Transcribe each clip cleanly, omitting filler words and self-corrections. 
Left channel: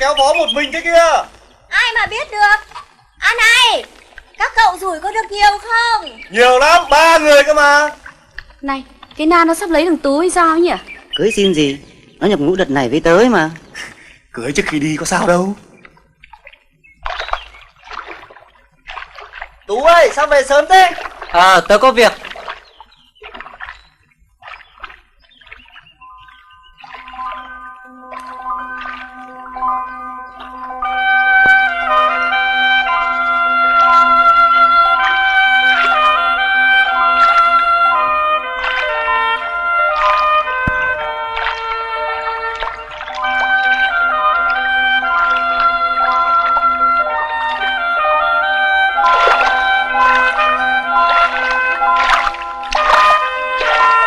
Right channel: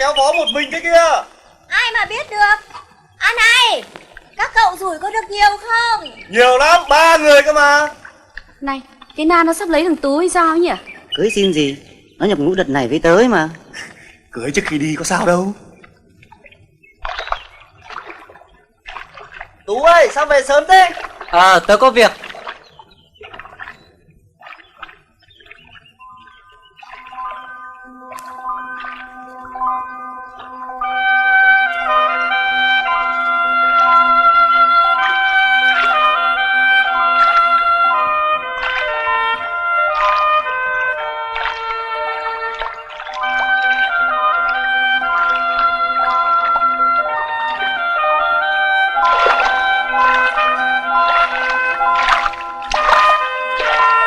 kéo vó một mình thế kia? Ai mà biết được. À này, các cậu rủi có được nhiều không? Nhiều lắm, 3 người cơ mà. Này, cái Na nó sắp lấy thằng Tú hay sao ấy nhỉ? Cưới xin gì, nó nhập ngũ đợt này với tới mà. Cưới trước khi đi có sao đâu. Tú ơi, sao về sớm thế? Tớ có việc.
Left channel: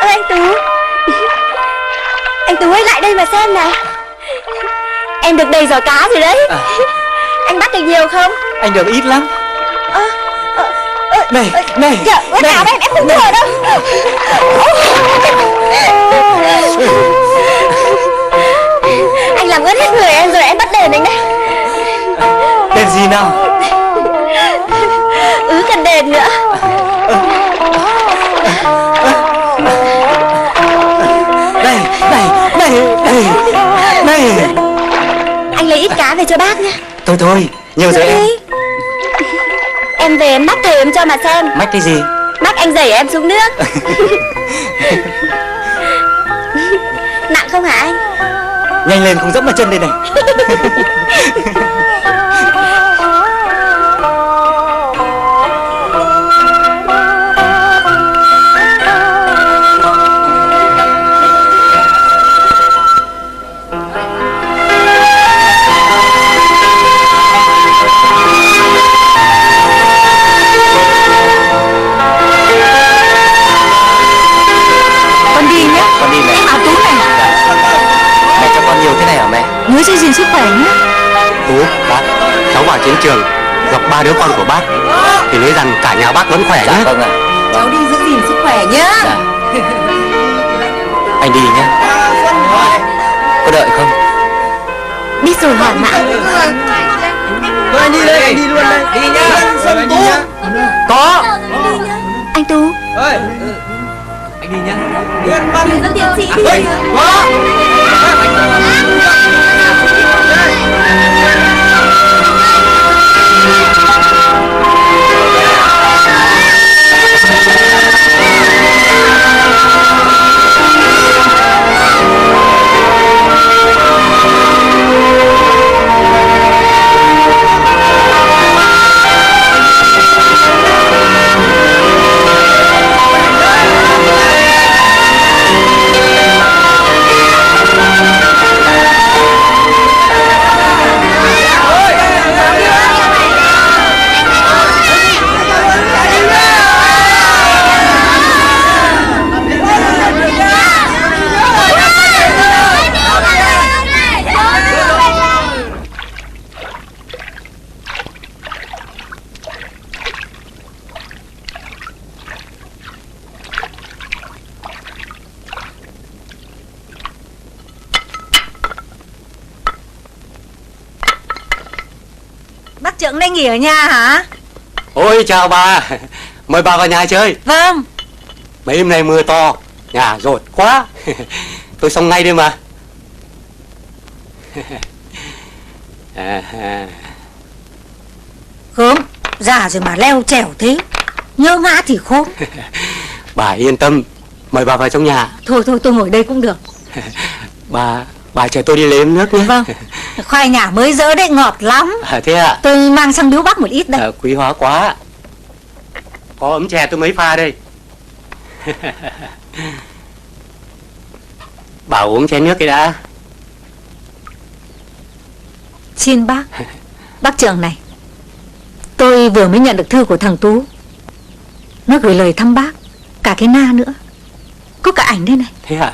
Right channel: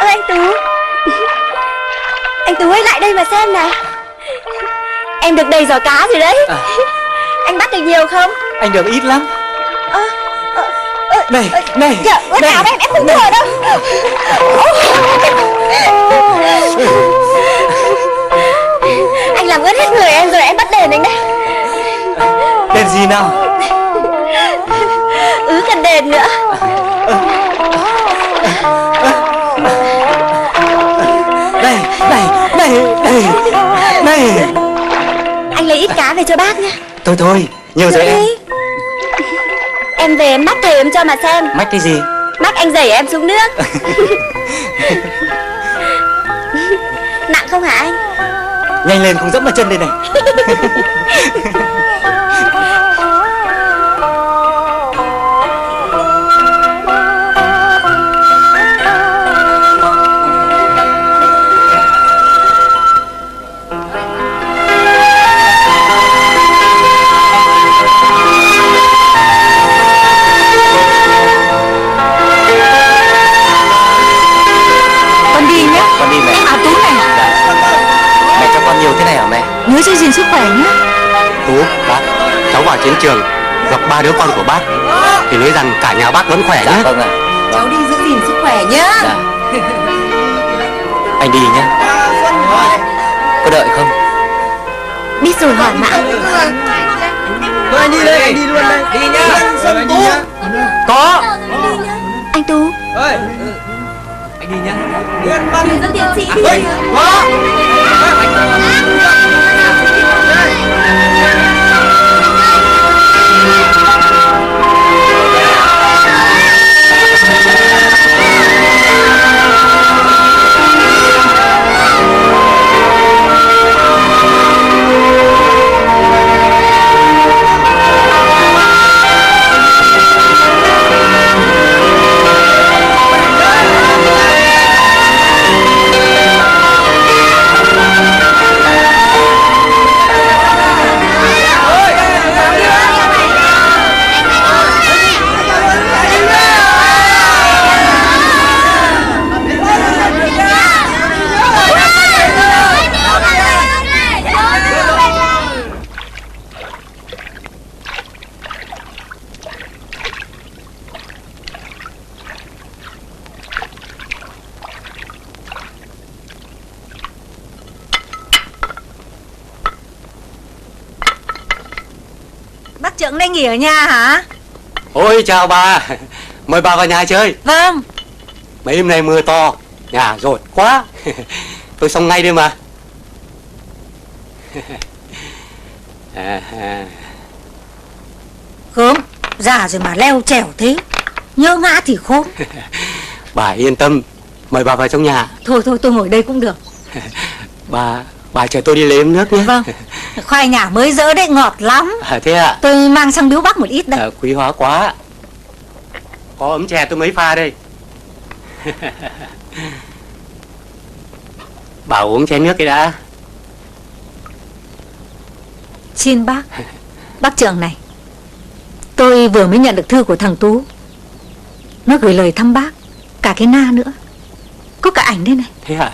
Anh Tú, anh Tú hãy lại đây mà xem nào. Em được đầy giỏ cá rồi đấy. Anh bắt được nhiều không? Anh được ít lắm. Này, Dạ, bắt cá em không thở đâu. Anh làm ướt hết người em rồi, em bắt đền anh đấy. Đền gì nào? Cần đền nữa. Này. Anh lấy ít cá về cho bác nhé. Thôi, nhiều rồi em. Em về em mắc thầy em cho mà xem. Mách cái gì? Mắc anh đẩy em xuống nước. Nặng không hả anh? Nhanh lên không dẫm vào chân đây này. Con đi nhé. Con đi về. À Tú này. Mẹ cho con nhiều thế này hả mẹ? Nhớ giữ gìn sức khỏe nhé. Tú, bác, cháu vào chiến trường gặp 3 đứa con của bác thì nói rằng cả nhà bác vẫn khỏe nhé. Vâng ạ. Cháu đi giữ gìn sức khỏe nhé. Anh đi nhé. Có đợi không? Biết rồi hỏi mãi. Anh đi đây, anh đi luôn đây. Đi nhá. Có. Anh Tú, Anh đi nhá. dẫn tiến sĩ đi. Bác trưởng đây nghỉ ở nhà hả? Ôi chào bà, mời bà vào nhà chơi. Vâng. Mấy hôm nay mưa to, nhà rột quá. Tôi xong ngay đây mà. Gớm, già rồi mà leo trèo thế. Nhớ ngã thì khô. Bà yên tâm, mời bà vào trong nhà. Thôi tôi ngồi đây cũng được. Bà chờ tôi đi lấy ấm nước nhé. Vâng. Khoai ngả mới dỡ đấy, ngọt lắm. Thế ạ? Tôi mang sang biếu bác một ít đấy. Quý hóa quá. Có ấm chè tôi mới pha đây. Bà uống chén nước cái đã. Xin bác. Bác trưởng này, tôi vừa mới nhận được thư của thằng Tú. Nó gửi lời thăm bác, cả cái Na nữa. Có cả ảnh đây này. Thế ạ?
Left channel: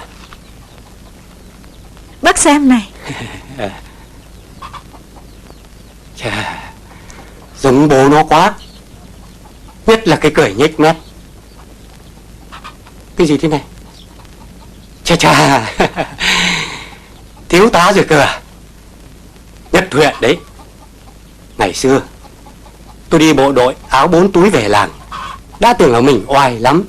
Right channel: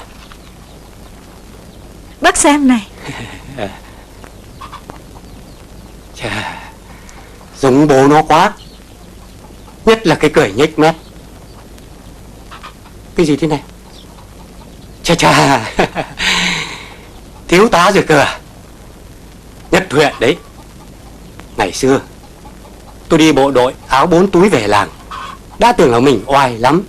Bác xem này. Chà, giống bố nó quá. Nhất là cái cười nhếch mép. Cái gì thế này? Chà, thiếu tá rồi cơ à? Nhất thuyện đấy. Ngày xưa tôi đi bộ đội áo 4 túi về làng, đã tưởng là mình oai lắm.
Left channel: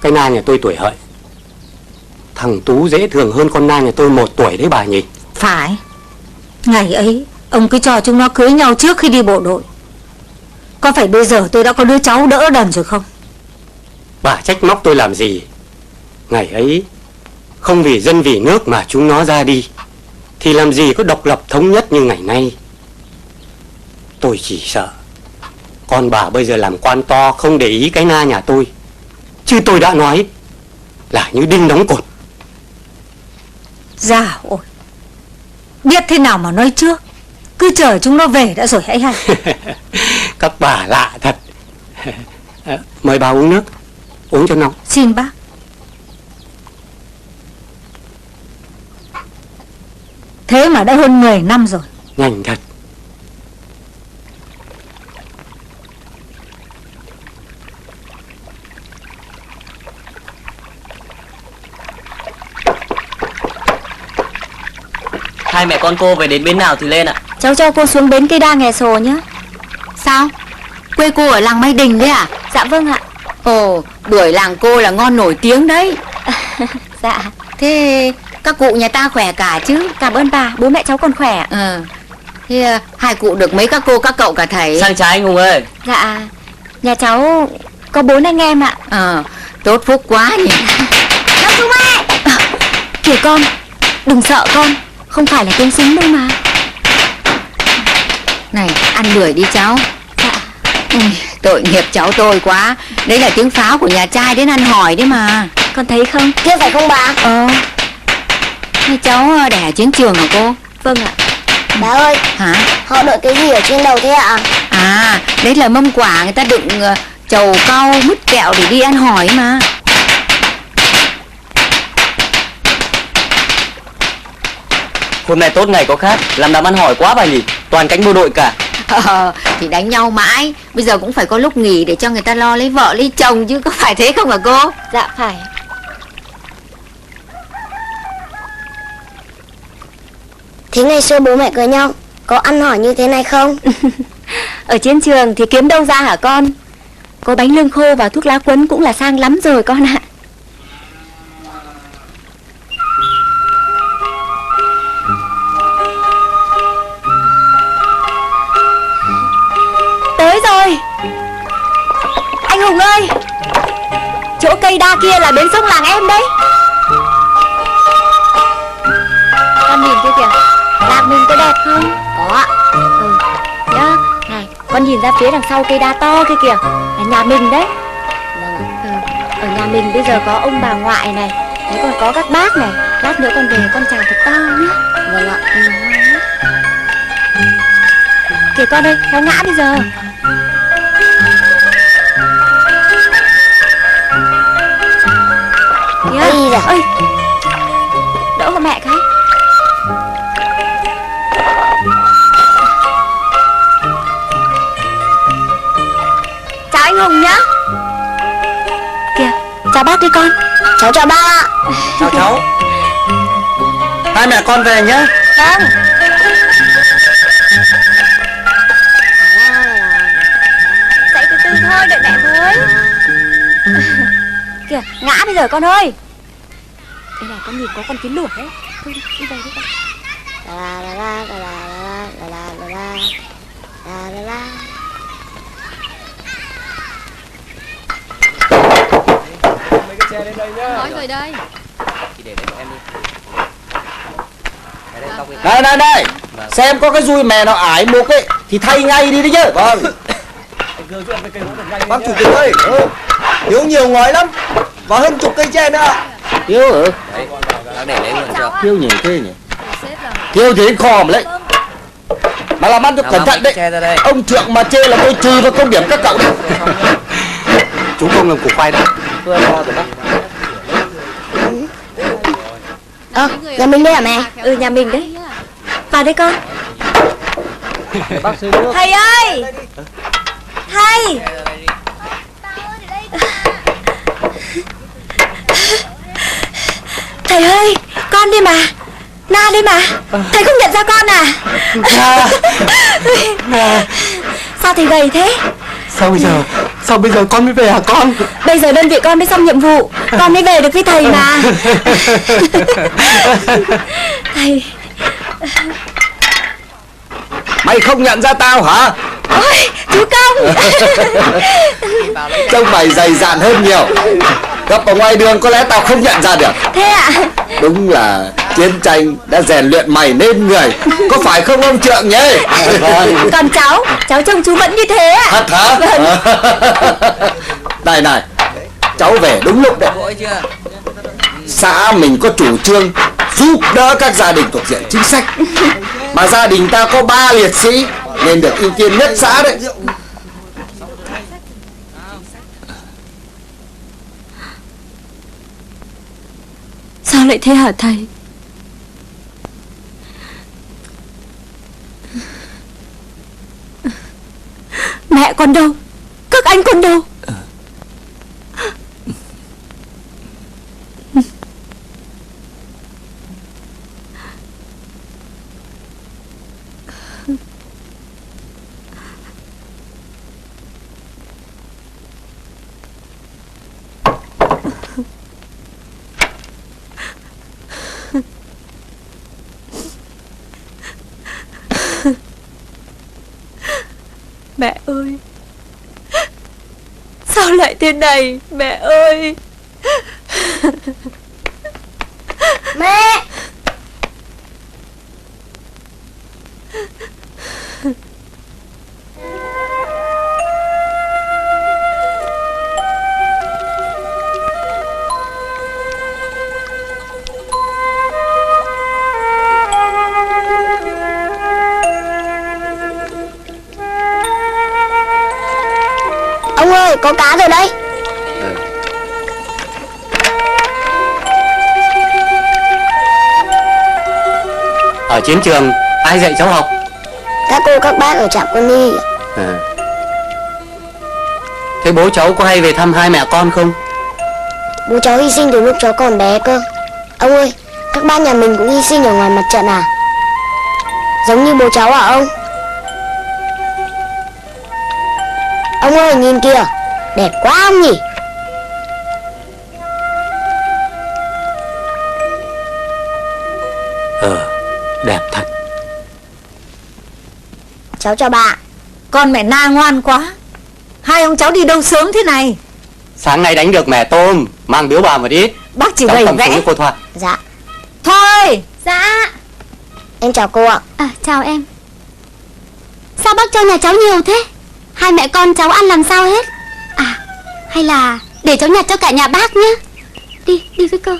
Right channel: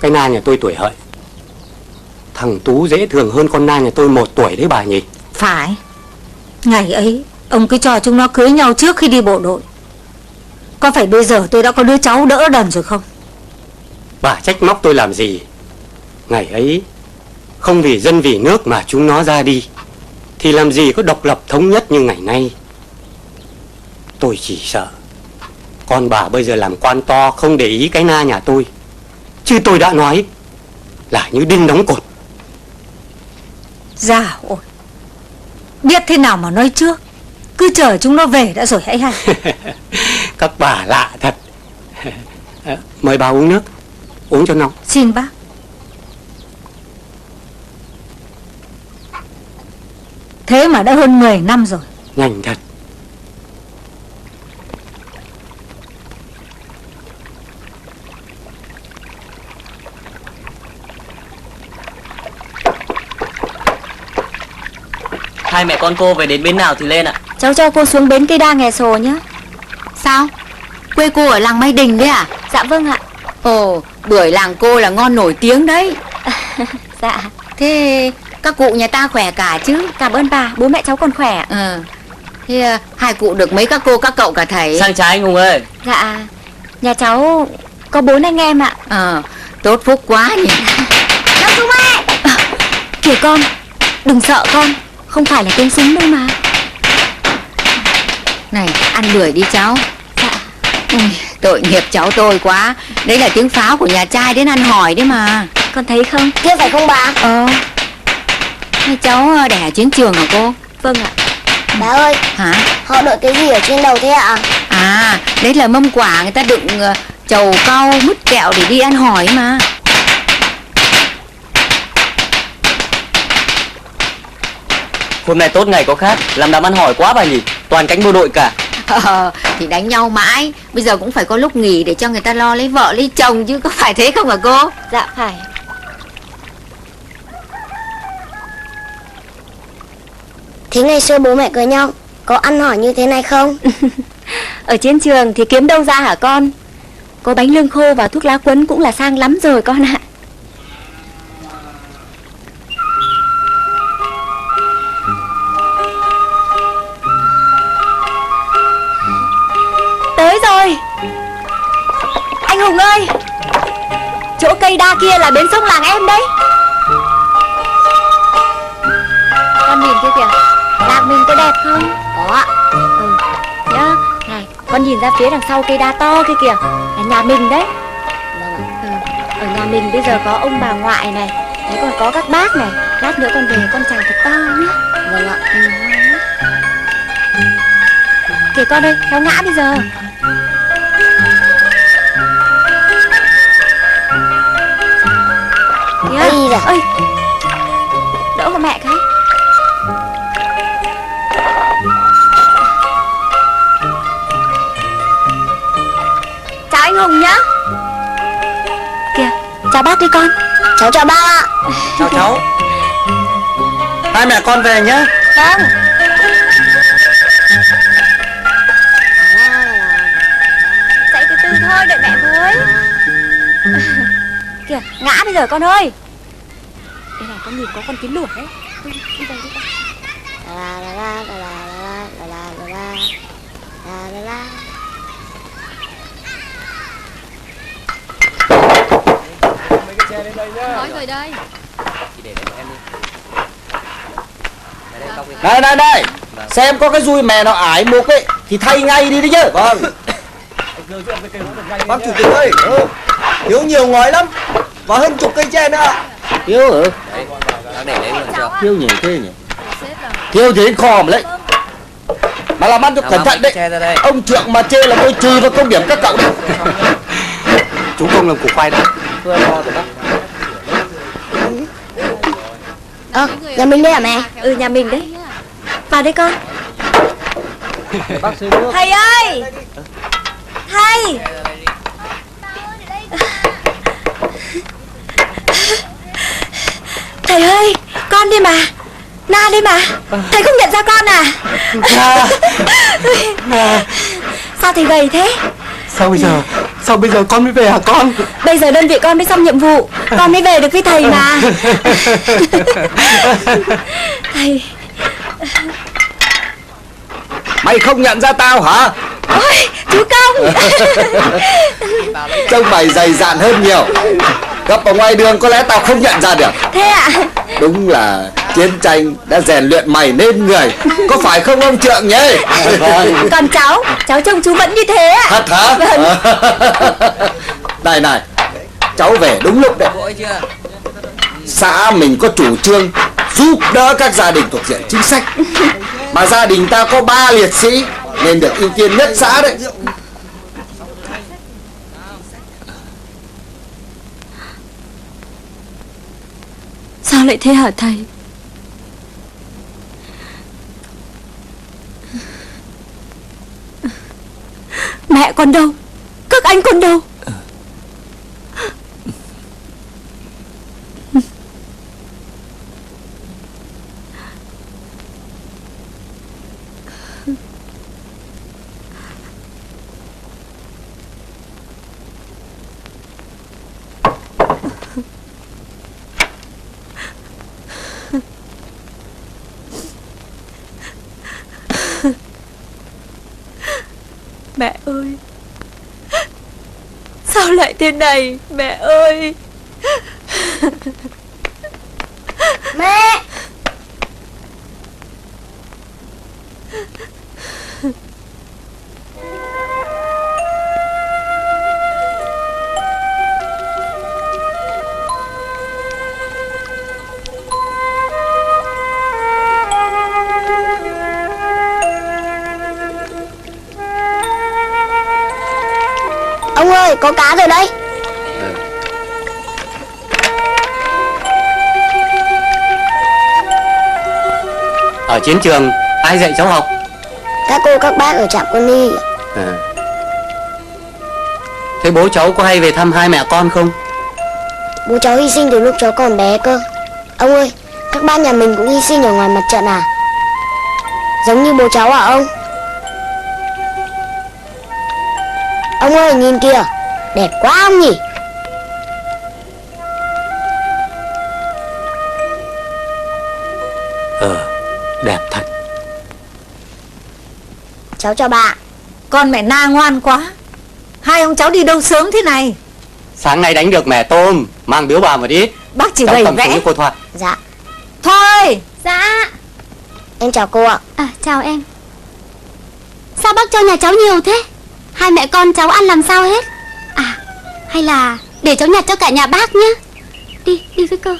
Cái Na nhà tôi tuổi hợi. Thằng Tú dễ thường hơn con Na nhà tôi 1 tuổi đấy bà nhỉ? Phải. Ngày ấy ông cứ cho chúng nó cưới nhau trước khi đi bộ đội. Có phải bây giờ tôi đã có đứa cháu đỡ đần rồi không? Bà trách móc tôi làm gì? Ngày ấy không vì dân vì nước mà chúng nó ra đi, thì làm gì có độc lập thống nhất như ngày nay. Tôi chỉ sợ con bà bây giờ làm quan to không để ý cái Na nhà tôi, chứ tôi đã nói là như đinh đóng cột. Dạ ôi, biết thế nào mà nói trước. Cứ chờ chúng nó về đã rồi hãy hay. Các bà lạ thật. Mời bà uống nước, uống cho nóng. Xin bác. Thế mà đã hơn 10 năm rồi. Nhanh thật. Hai mẹ con cô về đến bên nào thì lên ạ? Cháu cho cô xuống bến cây đa Nghè Sồ nhé. Sao? Quê cô ở làng Mai Đình đấy à? Dạ vâng ạ. Ồ, bưởi làng cô là ngon nổi tiếng đấy. Dạ. Thế các cụ nhà ta khỏe cả chứ? Cảm ơn bà, bố mẹ cháu còn khỏe. Thế hai cụ được mấy các cô các cậu cả thầy? Sang trái anh Hùng ơi. Dạ, nhà cháu có 4 anh em ạ. Tốt phúc quá nhỉ. Bác Trung ơi! Kìa con, đừng sợ con, không phải là tiếng súng đâu mà. Này, ăn bưởi đi cháu. Tội nghiệp cháu tôi quá. Đấy là tiếng pháo của nhà trai đến ăn hỏi đấy mà. Con thấy không? Thế phải không bà? Thế cháu đẻ chiến trường hả cô? Vâng ạ. Bà ơi, Hả? họ đội cái gì ở trên đầu thế ạ? À, đấy là mâm quả người ta đựng trầu cau, mứt kẹo để đi ăn hỏi mà. Hôm nay tốt ngày có khác, làm ăn hỏi quá bà nhỉ? Toàn cánh bộ đội cả. Thì đánh nhau mãi, bây giờ cũng phải có lúc nghỉ để cho người ta lo lấy vợ lấy chồng chứ, có phải thế không hả cô? Dạ phải. Thế ngày xưa bố mẹ cưới nhau có ăn hỏi như thế này không? Ở trên trường thì kiếm đâu ra hả con? Có bánh lương khô và thuốc lá quấn cũng là sang lắm rồi con ạ. Tới rồi. Anh Hùng ơi, chỗ cây đa kia là bến sông làng em đấy. Con nhìn kia kìa, làng mình có đẹp không? Có ạ. Nhá, này, con nhìn ra phía đằng sau cây đa to kia kìa, là nhà mình đấy. Ở nhà mình bây giờ có ông bà ngoại này, đấy còn có các bác này. Lát nữa con về con chào thật to nhá. Vâng ạ. Kìa con ơi, nó ngã bây giờ. Đi rồi. Ơi, đỡ con mẹ cái. Chào anh Hùng nhá. Kìa, chào bác đi con. Cháu chào ba ạ. Chào cháu. Hai mẹ con về nhé. Vâng. Dậy từ từ thôi, đợi mẹ với. Kìa, ngã bây giờ con ơi. Cái này con nhìn có con kiến lửa đấy. Đi vào đi vào. La la la la la la la la la la la. Mọi người đây. Đây, xem có cái dùi mẹ nào ải mục ấy thì thay ngay đi đấy chứ. Vâng. Bác chủ tịch ơi, thiếu nhiều ngói lắm và hơn chục cây tre nữa. Thiếu hả? Thiếu nhiều thế nhỉ? Thiếu thế khòm đấy. Mà làm ăn cho cẩn thận đấy. Ông trưởng mà chê là tôi trừ vào công điểm các cậu đấy. Chúng không làm củ khoai đâu. Nhà mình đây hả mẹ? Ừ, nhà mình đấy. Vào đây con. Thầy ơi! Thầy! Thầy ơi! Con đây mà! Na đi mà. Thầy không nhận ra con à? Sao thì gầy thế? Sao bây giờ con mới về hả con? Bây giờ đơn vị con mới xong nhiệm vụ, con mới về được với thầy mà. Thầy. Mày không nhận ra tao hả? Ôi, chú Công. Trông mày dày dạn hơn nhiều. Gặp ở ngoài đường có lẽ tao không nhận ra được. Thế ạ? Đúng là chiến tranh đã rèn luyện mày nên người. Có phải không ông Trượng nhỉ? Còn cháu trông chú vẫn như thế ạ. Thật hả? Này, cháu về đúng lúc đấy. Xã mình có chủ trương giúp đỡ các gia đình thuộc diện chính sách. Mà gia đình ta có 3 liệt sĩ nên được ưu tiên nhất xã đấy. Sao lại thế hả thầy? Mẹ con đâu? Các anh con đâu? Mẹ ơi, sao lại thế này, mẹ ơi? Mẹ. Ông ơi, có cá rồi đây. Ở chiến trường ai dạy cháu học? Các cô các bác ở trạm quân y. Thế bố cháu có hay về thăm hai mẹ con không? Bố cháu hy sinh từ lúc cháu còn bé cơ. Ông ơi, các bác nhà mình cũng hy sinh ở ngoài mặt trận à? Giống như bố cháu hả ông? Ông ơi, nhìn kìa, đẹp quá không nhỉ? Đẹp thật. Cháu chào bà. Con mẹ Na ngoan quá. Hai ông cháu đi đâu sớm thế này? Sáng nay đánh được mẻ tôm, mang biếu bà một ít. Bác chỉ Cháu bày cầm vẽ. xuống cô Thoa. Dạ. Thôi. Dạ. Em chào cô ạ. À, chào em. Sao bác cho nhà cháu nhiều thế? Hai mẹ con cháu ăn làm sao hết? À, hay là để cháu nhặt cho cả nhà bác nhé. Đi với cô.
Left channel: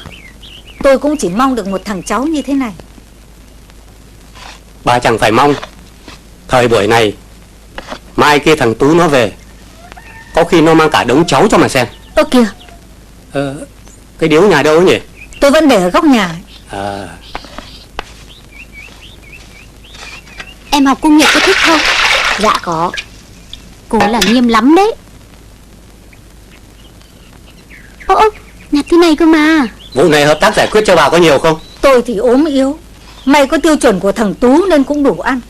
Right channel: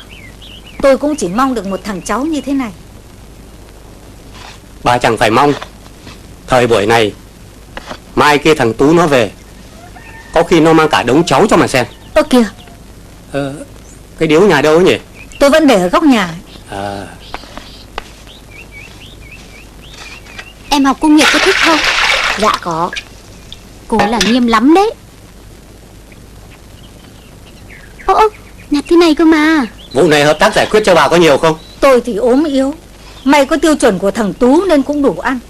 Tôi cũng chỉ mong được một thằng cháu như thế này. Bà chẳng phải mong. Thời buổi này, mai kia thằng Tú nó về, có khi nó mang cả đống cháu cho mà xem. Ơ kìa, Cái điếu nhà đâu nhỉ? tôi vẫn để ở góc nhà. Em học công nghiệp có thích không? Dạ có. Cô là nghiêm lắm đấy. Ô, nhặt thế này cơ mà. Vụ này hợp tác giải quyết cho bà có nhiều không? Tôi thì ốm yếu. Mày có tiêu chuẩn của thằng Tú nên cũng đủ ăn.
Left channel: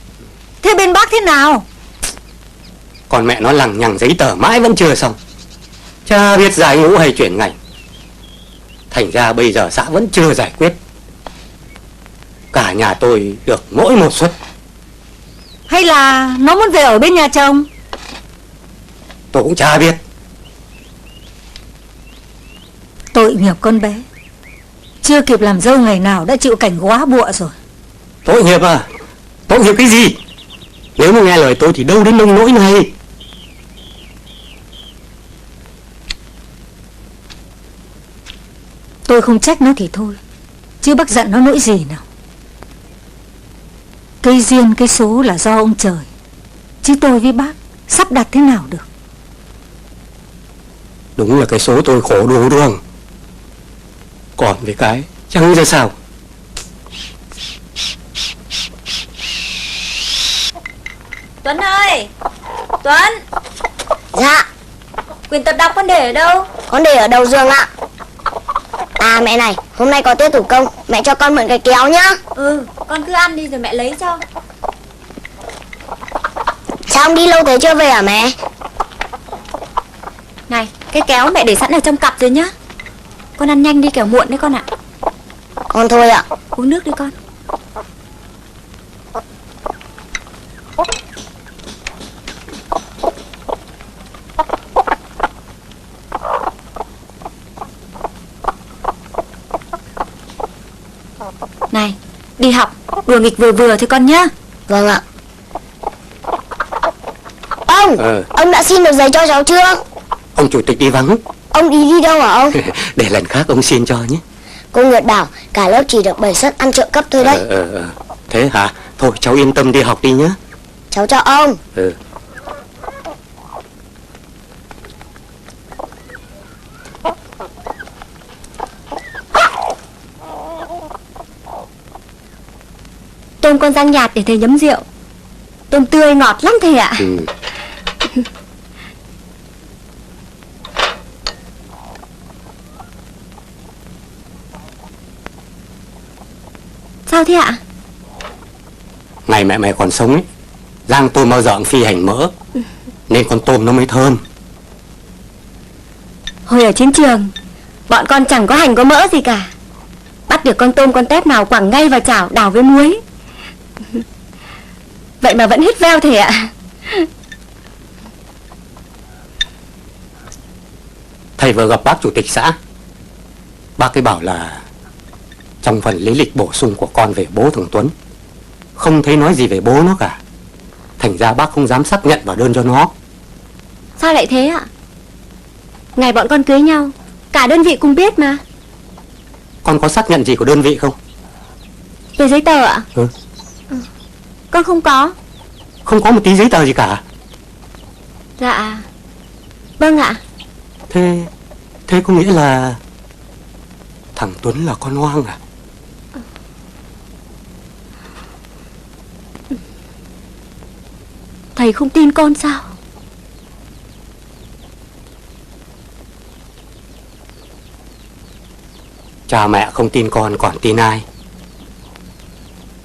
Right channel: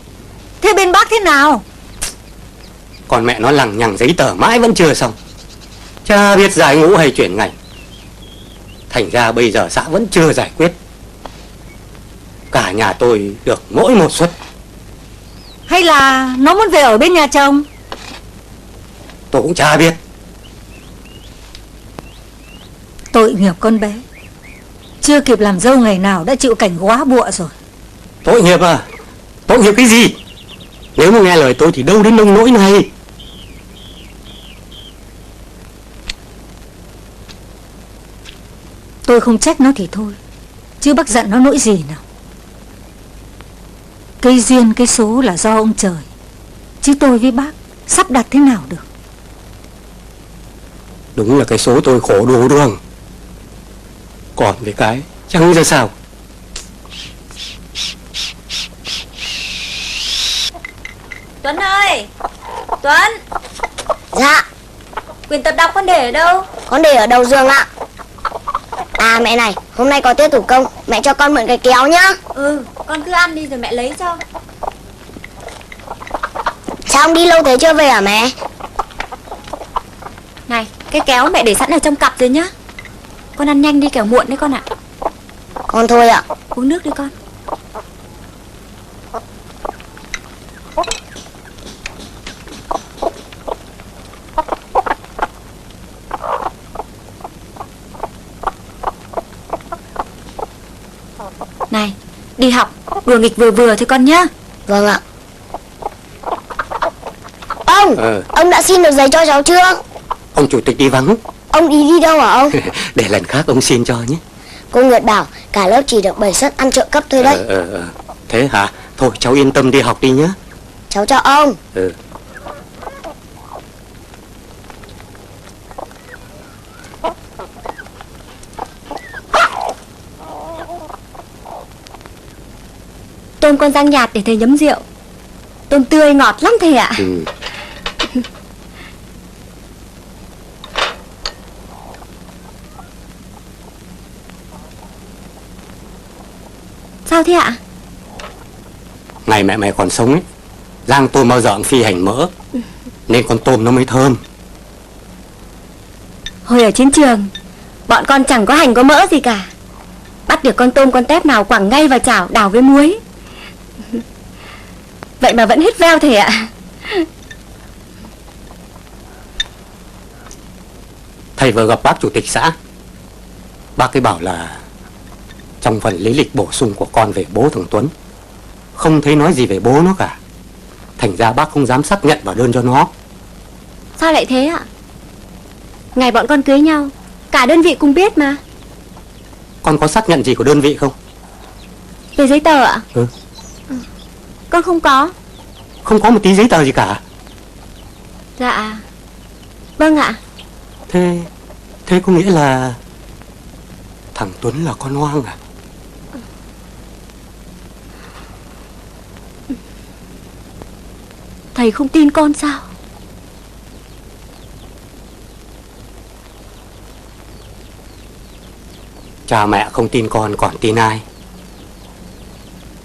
Thế bên bác thế nào? Còn mẹ nó lằng nhằng giấy tờ mãi vẫn chưa xong. Chả biết giải ngũ hay chuyển ngành. Thành ra bây giờ xã vẫn chưa giải quyết. Cả nhà tôi được mỗi một suất. Hay là nó muốn về ở bên nhà chồng? Tôi cũng chả biết. Tội nghiệp con bé. Chưa kịp làm dâu ngày nào đã chịu cảnh góa bụa rồi. Tội nghiệp à? Tội nghiệp cái gì? Nếu mà nghe lời tôi thì đâu đến nông nỗi này. Tôi không trách nó thì thôi, chứ bác giận nó nỗi gì nào. Cây duyên cây số là do ông trời, chứ tôi với bác sắp đặt thế nào được. Đúng là cái số tôi khổ đủ đường. Còn với cái chẳng ra sao. Tuấn ơi! Tuấn! Dạ. Quyển tập đọc con để ở đâu? Con để ở đầu giường ạ. À mẹ này, hôm nay có tiết thủ công, Mẹ cho con mượn cái kéo nhá. Ừ, con cứ ăn đi rồi mẹ lấy cho. Sao ông đi lâu thế chưa về hả mẹ? Này, cái kéo mẹ để sẵn ở trong cặp rồi nhá. Con ăn nhanh đi kẻo muộn đấy con ạ. Con thôi ạ. Uống nước đi con. Này, đi học vừa nghịch vừa vừa thôi con nhá. Vâng ạ. Ông đã xin được giấy cho cháu chưa? Ông chủ tịch đi vắng. Ông đi đâu hả ông? Để lần khác ông xin cho nhé. Cô Nguyệt bảo cả lớp chỉ được 7 suất ăn trợ cấp thôi đấy. Thế hả? Thôi cháu yên tâm đi học đi nhé. Cháu chào ông. Tôm con rang nhạt để thầy nhấm rượu. Tôm tươi ngọt lắm thầy ạ. Sao thế ạ? Ngày mẹ mày còn sống ấy, rang tôm bao giờ cũng phi hành mỡ, nên con tôm nó mới thơm. Hồi ở chiến trường, bọn con chẳng có hành có mỡ gì cả. Bắt được con tôm con tép nào quẳng ngay vào chảo đảo với muối. Vậy mà vẫn hít veo thầy ạ. Thầy vừa gặp bác chủ tịch xã. Bác ấy bảo là trong phần lý lịch bổ sung của con về bố thằng Tuấn không thấy nói gì về bố nó cả. Thành ra bác không dám xác nhận vào đơn cho nó. Sao lại thế ạ? Ngày bọn con cưới nhau, cả đơn vị cùng biết mà. Con có xác nhận gì của đơn vị không? Về giấy tờ ạ? Ừ. Con không có. Không có một tí giấy tờ gì cả. Dạ. Vâng ạ. Thế có nghĩa là thằng Tuấn là con hoang à? Thầy không tin con sao? Cha mẹ không tin con còn tin ai?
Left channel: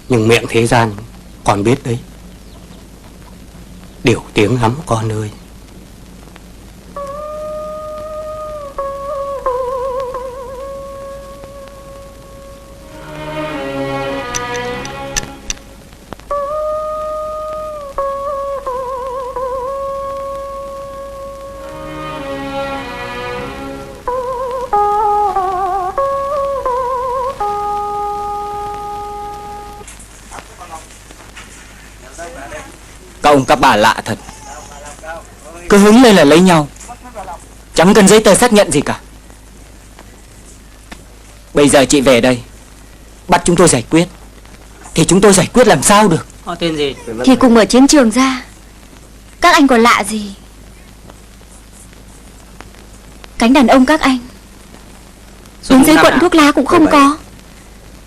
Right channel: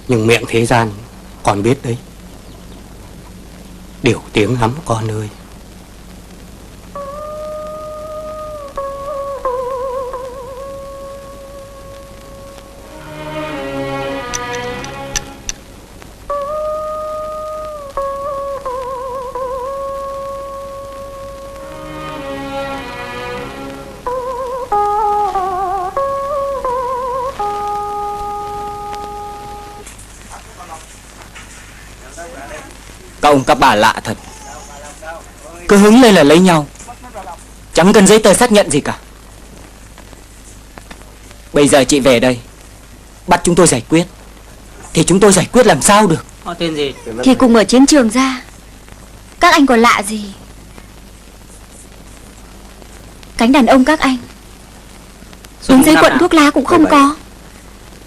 Nhưng miệng thế gian con biết đấy. Điều tiếng lắm con ơi. Các ông các bà lạ thật. Cứ hứng lên là lấy nhau, chẳng cần giấy tờ xác nhận gì cả. Bây giờ chị về đây bắt chúng tôi giải quyết, thì chúng tôi giải quyết làm sao được? Họ tên gì? Thì cùng ở chiến trường ra, các anh còn lạ gì? Cánh đàn ông các anh, đến giấy quận thuốc lá cũng không có,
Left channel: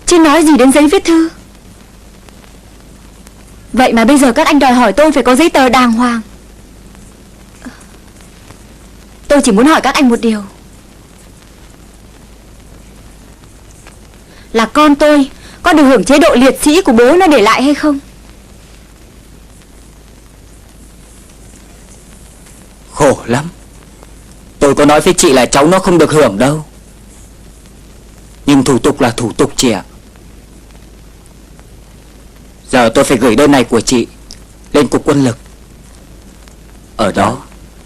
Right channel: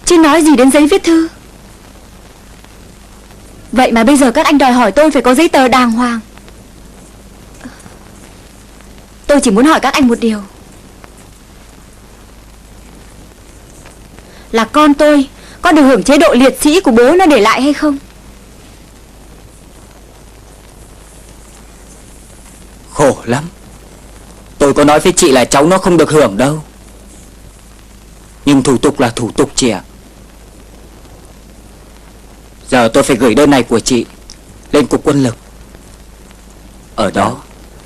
chứ nói gì đến giấy viết thư. Vậy mà bây giờ các anh đòi hỏi tôi phải có giấy tờ đàng hoàng. Tôi chỉ muốn hỏi các anh một điều, là con tôi có được hưởng chế độ liệt sĩ của bố nó để lại hay không? Khổ lắm. Tôi có nói với chị là cháu nó không được hưởng đâu, nhưng thủ tục là thủ tục chị ạ. Giờ tôi phải gửi đơn này của chị lên cục quân lực. Ở đó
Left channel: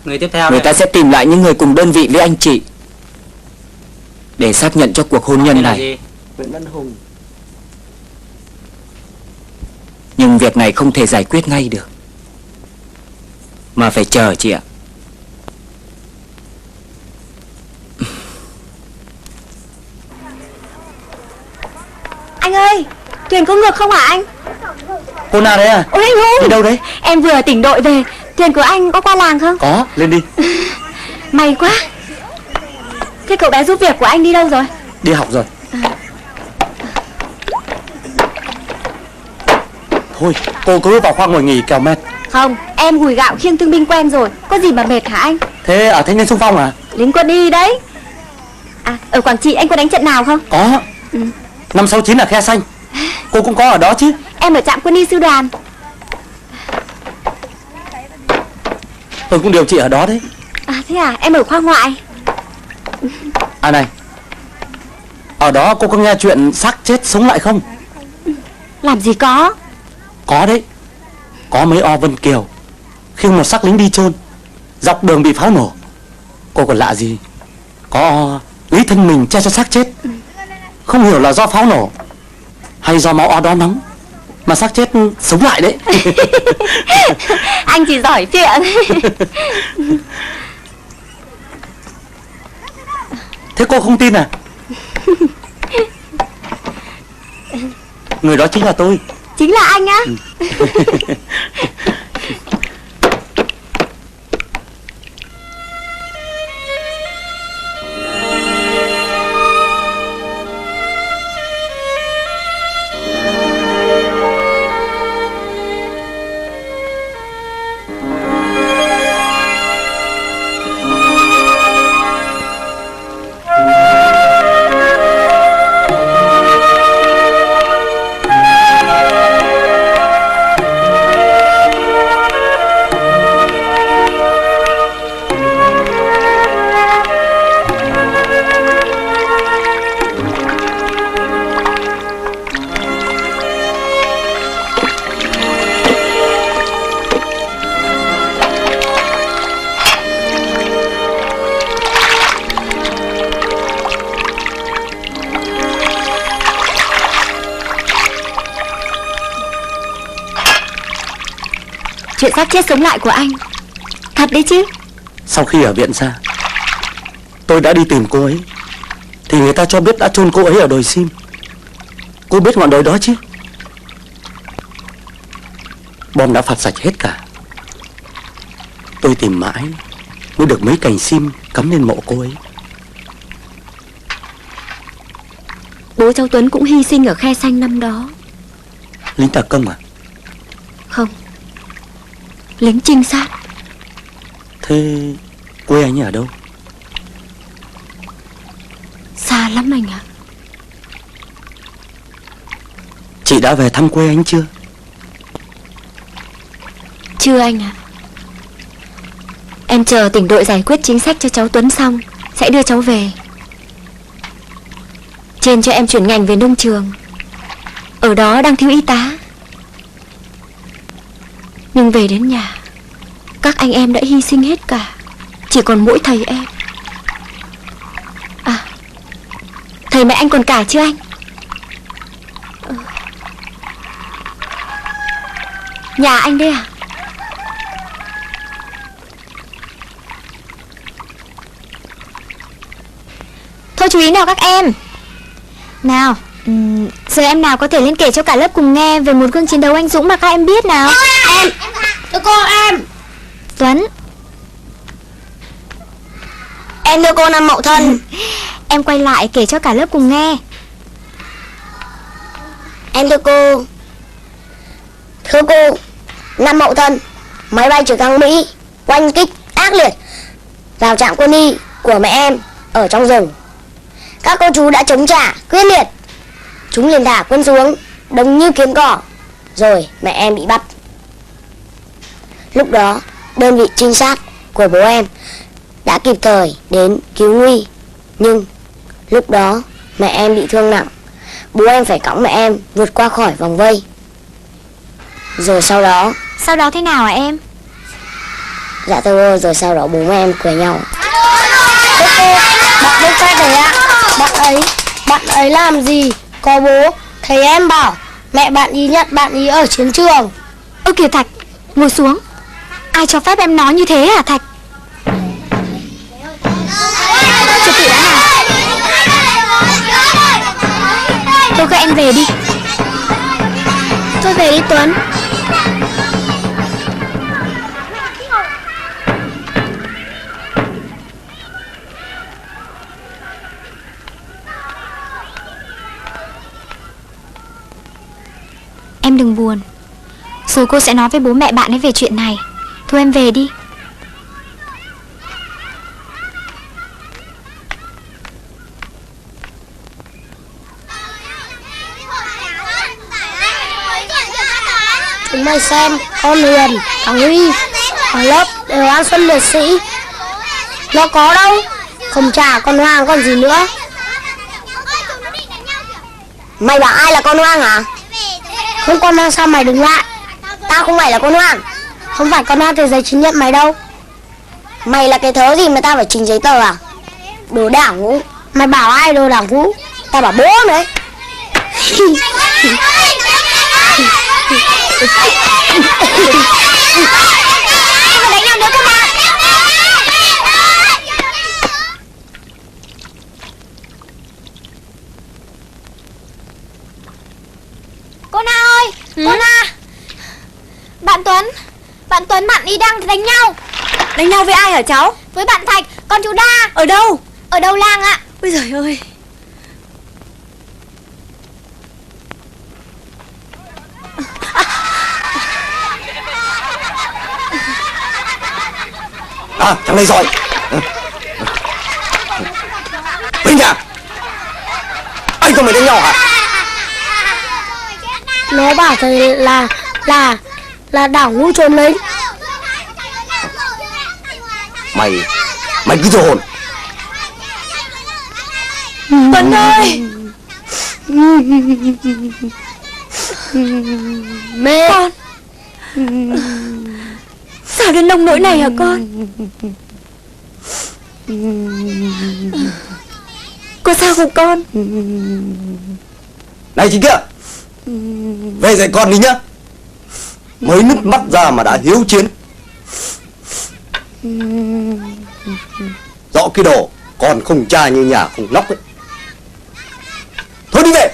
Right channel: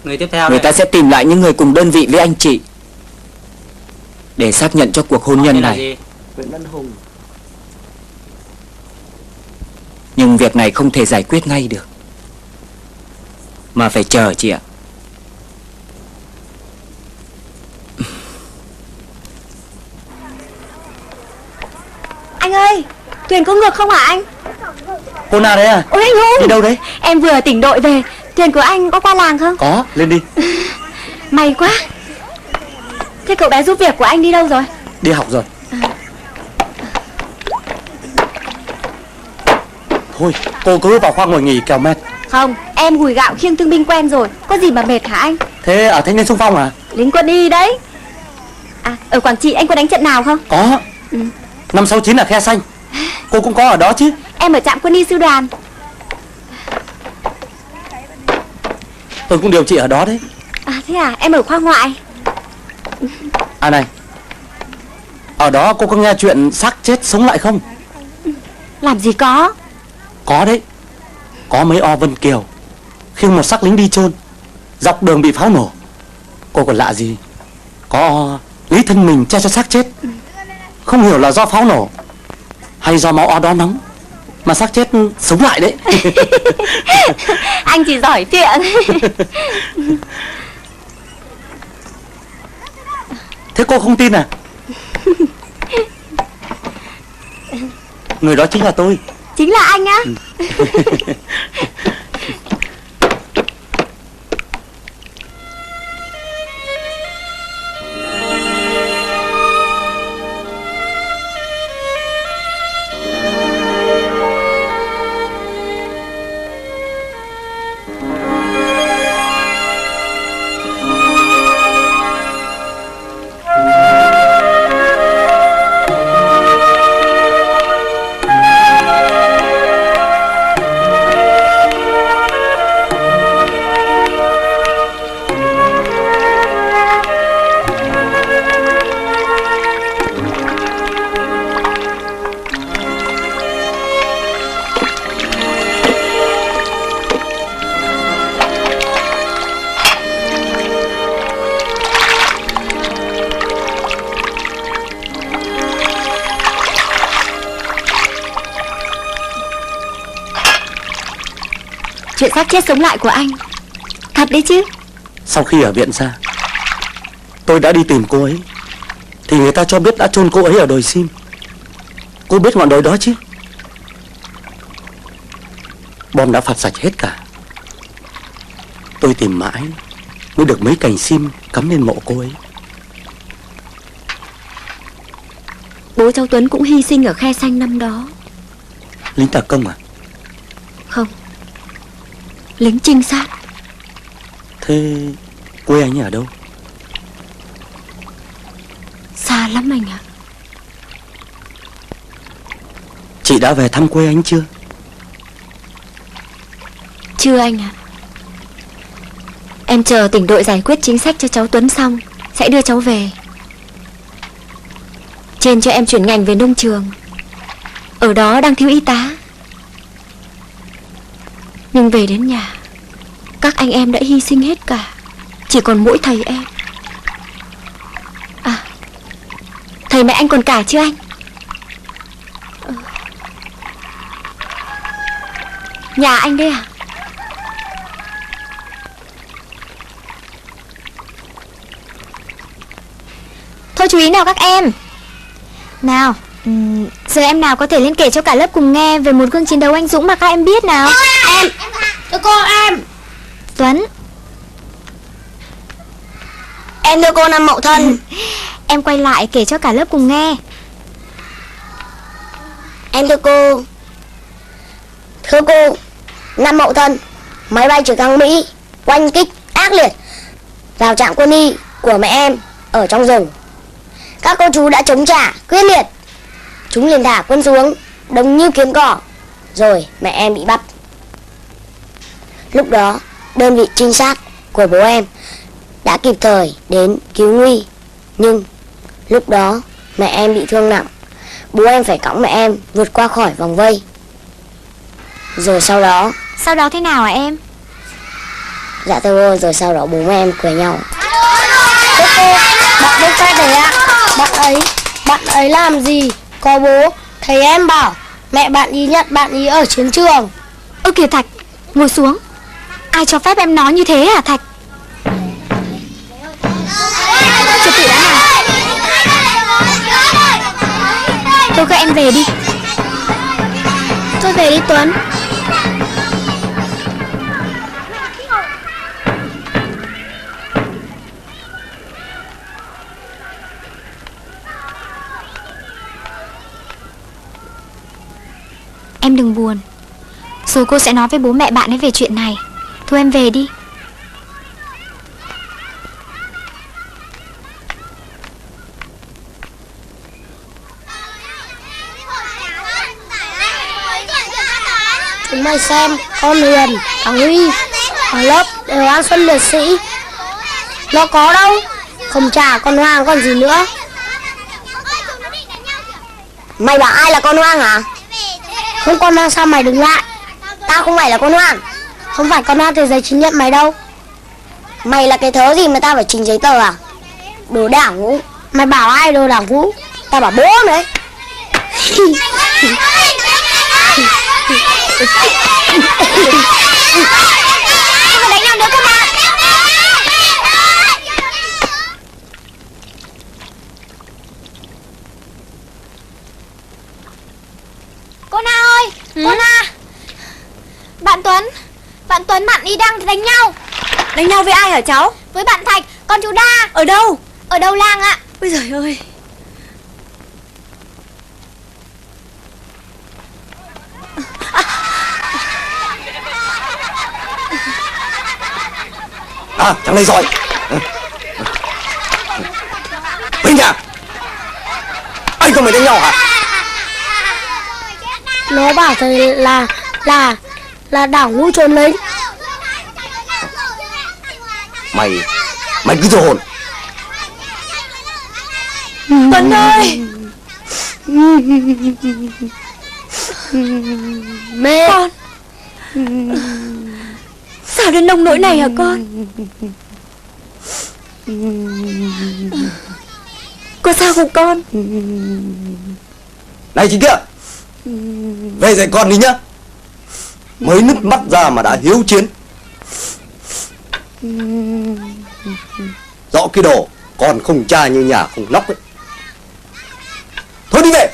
Người tiếp theo người ta sẽ tìm lại những người cùng đơn vị với anh chị để xác nhận cho cuộc hôn nhân này. Nhưng việc này không thể giải quyết ngay được, mà phải chờ chị ạ. Anh ơi, thuyền có ngược không hả anh? Cô nào đấy à? Ôi anh Vũ, Đi đâu đấy? em vừa ở tỉnh đội về. Thuyền của anh có qua làng không? Có, lên đi. May quá. Thế cậu bé giúp việc của anh đi đâu rồi? Đi học rồi. Thôi, cô cứ vào khoang ngồi nghỉ kẻo mệt. Không, em gùi gạo khiêng thương binh quen rồi, có gì mà mệt hả anh? Thế ở thanh niên xung phong à? Lính quân y đấy. À, ở Quảng Trị anh có đánh trận nào không? Có. 569 là khe xanh. Cô cũng có ở đó chứ? Em ở trạm quân y sư đoàn. Tôi cũng điều trị ở đó đấy. À thế à, em ở khoa ngoại. À này, ở đó cô có nghe chuyện xác chết sống lại không? Làm gì có. Có đấy. Có mấy o Vân Kiều khi một xác lính đi chôn, dọc đường bị pháo nổ. Cô còn lạ gì, có lấy thân mình che cho xác chết. Không hiểu là do pháo nổ hay do máu o đó nóng mà xác chết sống lại đấy. Anh chỉ giỏi chuyện. Thế cô không tin à? Người đó chính là tôi. Chính là anh á. Chuyện xác chết sống lại của anh thật đấy chứ. Sau khi ở viện ra, tôi đã đi tìm cô ấy, thì người ta cho biết đã chôn cô ấy ở đồi Sim. Cô biết ngọn đồi đó chứ? Bom đã phạt sạch hết cả. Tôi tìm mãi mới được mấy cành sim cắm lên mộ cô ấy. Bố cháu Tuấn cũng hy sinh ở khe xanh năm đó. Lính đặc công à? Không, lính trinh sát. Thế quê anh ở đâu? Xa lắm anh ạ. Chị đã về thăm quê anh chưa? Chưa anh ạ. Em chờ tỉnh đội giải quyết chính sách cho cháu Tuấn xong sẽ đưa cháu về. Trên cho em chuyển ngành về nông trường, ở đó đang thiếu y tá. Nhưng về đến nhà, các anh em đã hy sinh hết cả, chỉ còn mỗi thầy em. À, thầy mẹ anh còn cả chưa anh? Nhà anh đây à? Thôi chú ý nào các em. Nào, giờ em nào có thể lên kể cho cả lớp cùng nghe về một gương chiến đấu anh dũng mà các em biết nào. Em, thưa cô em. Tuấn. Em thưa cô năm Mậu Thân. Em quay lại kể cho cả lớp cùng nghe. Em thưa cô. Thưa cô, năm Mậu Thân, máy bay trực thăng Mỹ oanh kích ác liệt vào trạm quân y của mẹ em ở trong rừng. Các cô chú đã chống trả quyết liệt. Chúng liền thả quân xuống đông như kiến cỏ, rồi mẹ em bị bắt. Lúc đó đơn vị trinh sát của bố em đã kịp thời đến cứu nguy, nhưng lúc đó mẹ em bị thương nặng. Bố em phải cõng mẹ em vượt qua khỏi vòng vây. Rồi sau đó thế nào hả em? dạ thưa cô, rồi sau đó bố em cười nhau. Bạn đâu coi đấy ạ? Bạn ấy làm gì? Có bố, thầy em bảo mẹ bạn ý nhận bạn ý ở chiến trường. Ơ kìa Thạch, ngồi xuống. Ai cho phép em nói như thế hả Thạch? Cho tỉ đã nào. Tôi các em về đi. Tôi về đi Tuấn. Em đừng buồn, rồi cô sẽ nói với bố mẹ bạn ấy về chuyện này. Thôi em về đi. Chúng mày xem, con Huyền, thằng Huy, thằng Lớp đều là Xuân liệt sĩ. Nó có đâu, không trả con Hoàng còn gì nữa. Mày bảo ai là con Hoang hả? Không con Hoang sao mày đứng lại? Tao không phải là con Hoang. Không phải con Hoang thì giấy chứng nhận mày đâu. Mày là cái thớ gì mà tao phải trình giấy tờ à? Đồ đảng vũ. Mày bảo ai đồ đảng vũ? Tao bảo bố đấy. Còn đánh nhau nữa cơ mà. Cô Na ơi, cô Na. Bạn Tuấn bạn đi đang đánh nhau. Đánh nhau với ai hả cháu? Với bạn Thạch, con chú Đa. Ở đâu? Ở đầu làng ạ. Ôi giời ơi. À, thằng này giỏi. Huynh à, anh không phải đánh nhau hả? Nó bảo thầy là đảng vũ trốn lính. Mày cứ thổi hồn. Tuấn ơi. Mẹ. Con. Sao đến nông nỗi này hả con? Có sao không con? Này chị kia, về dạy con đi nhá. Mới nứt mắt ra mà đã hiếu chiến. Rõ cái đồ còn không cha như nhà không lóc ấy. Thôi đi về.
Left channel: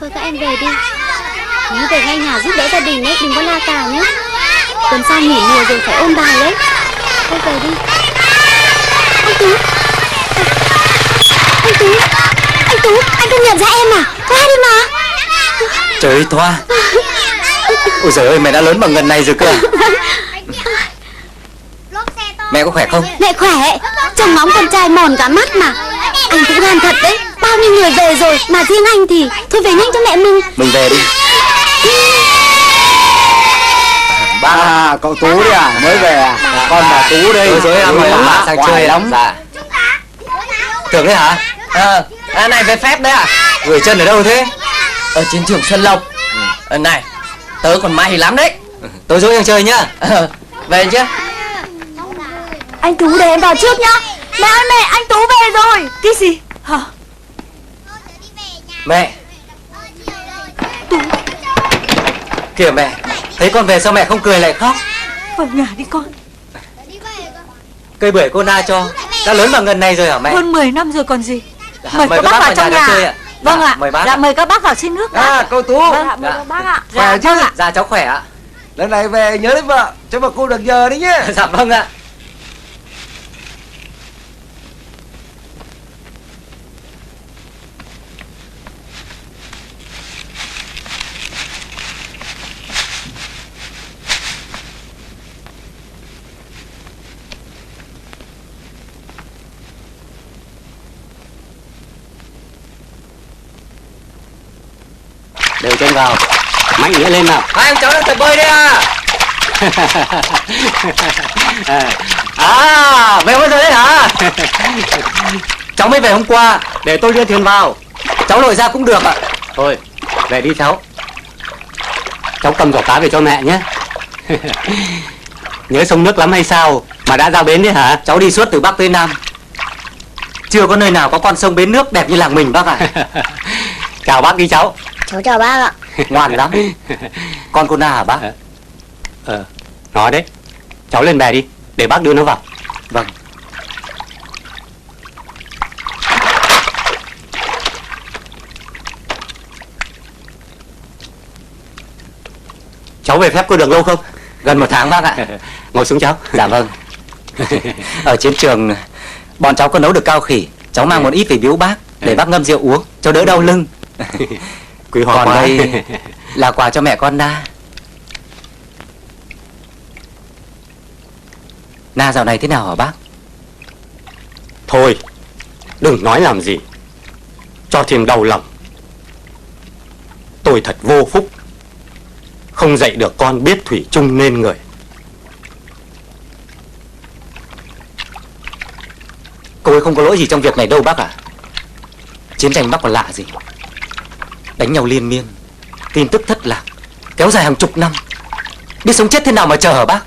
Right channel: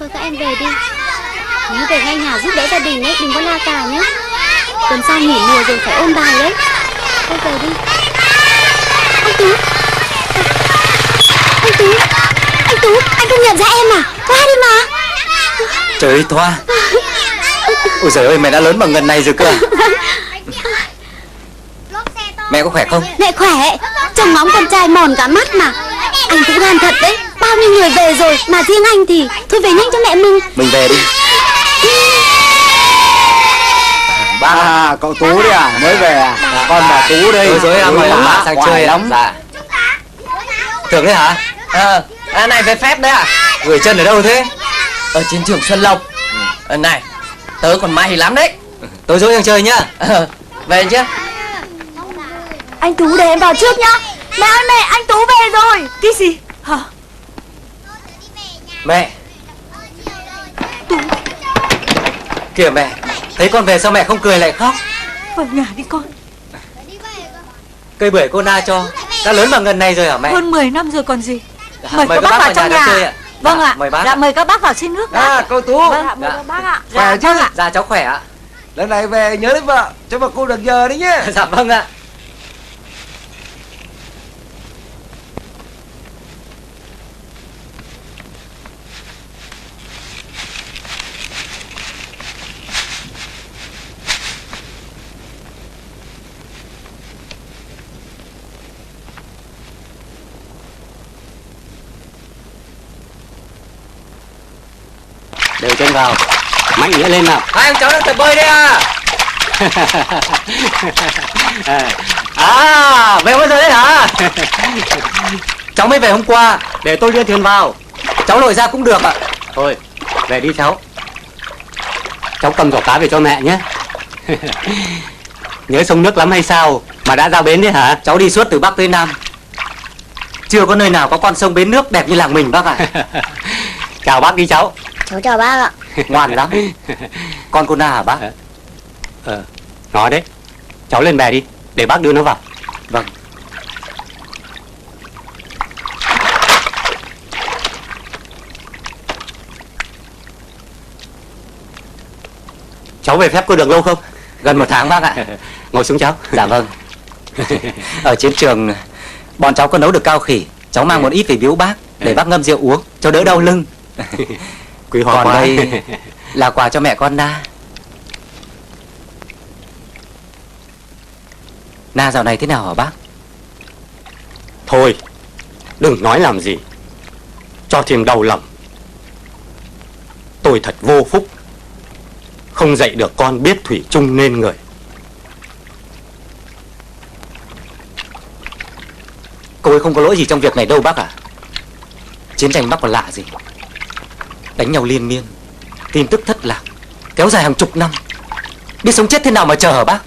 Thôi các em về đi. Nhớ về ngay nhà giúp đỡ gia đình nhé, đừng có la cào nhé. Tuần sau nghỉ nhiều rồi phải ôn bài đấy. Thôi về đi. Anh Tú. Anh Tú, anh không nhận ra em à? Thoa đây mà. Trời ơi Thoa. Ôi giời ơi, mẹ đã lớn bằng gần này rồi cơ à? Mẹ có khỏe không? Mẹ khỏe, trông ngóng con trai mòn cả mắt mà. Anh cũng gan thật đấy, bao nhiêu người về rồi mà riêng anh thì thôi về nhanh cho mẹ mình. Mình về đi. Ba, cậu Tú à, mới về à? Con là Tú đây. Rồi em mà sang chơi lắm. Dạ. Tưởng đấy hả? Này về phép đấy à? Gửi chân ở đâu thế? Ở chiến trường Xuân Lộc. Này, tớ còn may lắm đấy. Tối dối sang chơi nhá. Về chứ. Anh Tú để em vào trước nhá. Mẹ ơi mẹ, anh Tú về rồi. Cái gì? Hả? Mẹ. Kìa mẹ, thấy con về sao mẹ không cười lại khóc? Vào nhà đi con. Cây bưởi cô Na cho đã lớn bằng gần này rồi hả mẹ? Hơn 10 năm rồi còn gì. Mời Mời các bác vào trong nhà nhà. chơi ạ. Vâng ạ. Mời bác. Dạ mời các bác vào xin nước. À, cậu Tú. Vâng ạ, mời các bác ạ. Khỏe chứ? Vâng ạ. Dạ cháu khỏe ạ. Lần này về nhớ lấy vợ, cho bà cô được nhờ đi nhé. Dạ vâng ạ. Đều chân vào, mạnh mẽ lên nào. Hai ông cháu lên tập bơi đi à? À, về bây giờ đấy hả? Cháu mới về hôm qua, Để tôi đưa thuyền vào. cháu lội ra cũng được ạ. Thôi, về đi cháu. Cháu cầm giỏ cá về cho mẹ nhé. Nhớ sông nước lắm hay sao mà đã ra bến đấy hả? Cháu đi suốt từ Bắc tới Nam, chưa có nơi nào có con sông bến nước đẹp như làng mình bác ạ. Chào bác đi cháu. Cháu chào bác ạ. Ngoan lắm. Con cô Na hả bác? Nói đấy. Cháu lên bè đi, để bác đưa nó vào. Vâng. Cháu về phép có được lâu không? Gần 1 tháng bác ạ. Ngồi xuống cháu. Dạ vâng. Ở chiến trường bọn cháu có nấu được cao khỉ, cháu mang một ít về biếu bác để bác ngâm rượu uống cho đỡ đau lưng. Quý hóa Còn quá. đây là quà cho mẹ con Na. Na dạo này thế nào hả bác? Thôi, đừng nói làm gì, cho thêm đau lòng. Tôi thật vô phúc, không dạy được con biết thủy chung nên người. Cô ấy không có lỗi gì trong việc này đâu bác ạ. Chiến tranh bác còn lạ gì. Đánh nhau liên miên, tin tức thất lạc, kéo dài hàng chục năm. Biết sống chết thế nào mà chờ hả bác?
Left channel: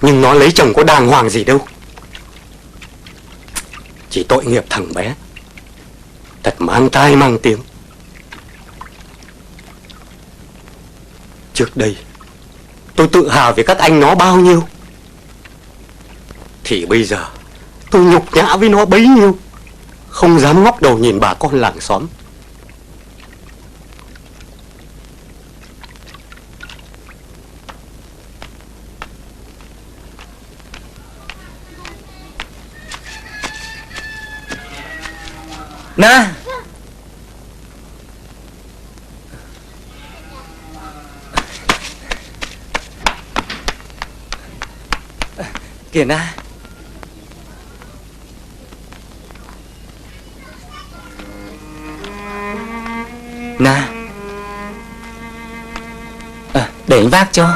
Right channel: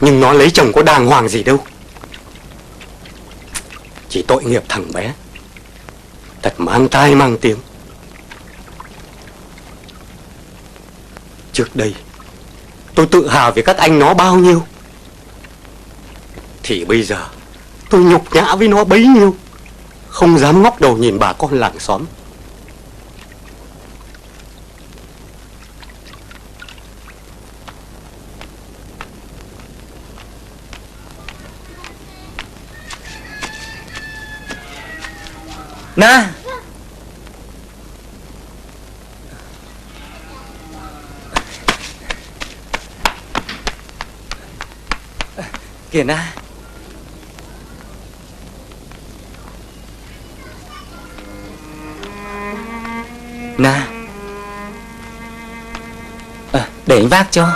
Nhưng nó lấy chồng có đàng hoàng gì đâu. Chỉ tội nghiệp thằng bé, thật mang tai mang tiếng. Trước đây tôi tự hào về các anh nó bao nhiêu, thì bây giờ tôi nhục nhã với nó bấy nhiêu. Không dám ngóc đầu nhìn bà con làng xóm. Na, kìa Na. Na, để anh vác cho.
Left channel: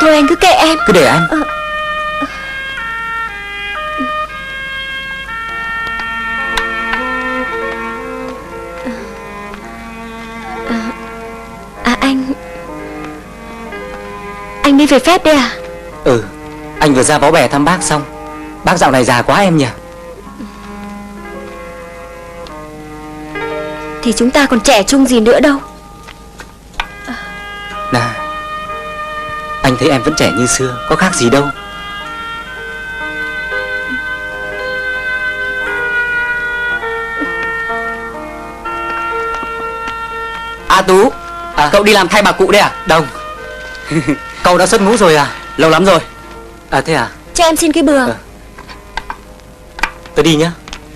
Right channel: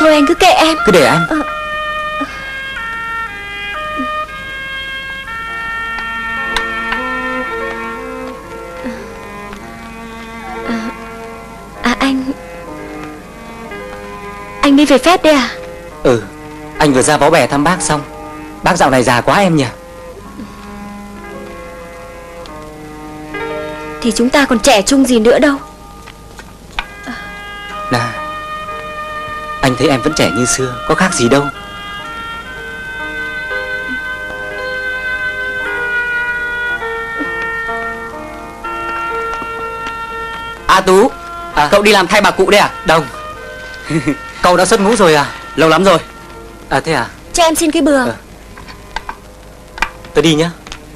Thôi anh cứ kệ em. Cứ để anh. À anh đi về phép đi à? Ừ, anh vừa ra báo bè thăm bác xong. Bác dạo này già quá em nhỉ. Thì chúng ta còn trẻ trung gì nữa đâu. Na, anh thấy em vẫn trẻ như xưa, có khác gì đâu. A Tú, cậu đi làm thay bà cụ đấy à? Đâu. Cậu đã xuất ngũ rồi à? Lâu lắm rồi. À thế à? Cho em xin cái bừa. Tớ đi nhá.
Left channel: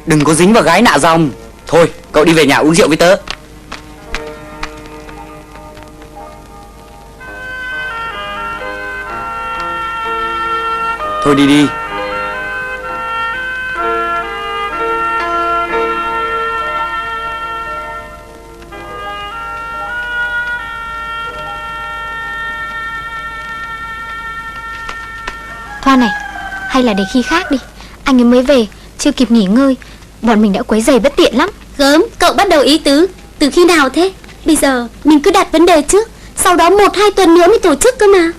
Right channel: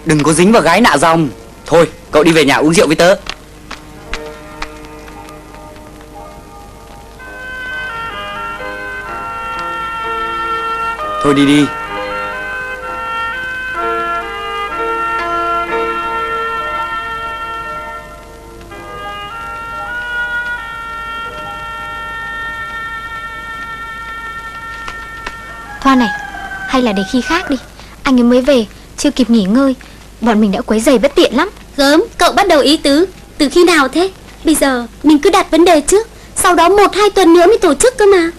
Đừng có dính vào gái nạ dòng. Thôi, cậu đi về nhà uống rượu với tớ. Thôi đi đi. Thôi này, hay là để khi khác đi. Anh ấy mới về, chưa kịp nghỉ ngơi. Bọn mình đã quấy rầy bất tiện lắm. Gớm, cậu bắt đầu ý tứ từ khi nào thế? Bây giờ mình cứ đặt vấn đề trước, sau đó 1-2 tuần nữa mới tổ chức cơ mà.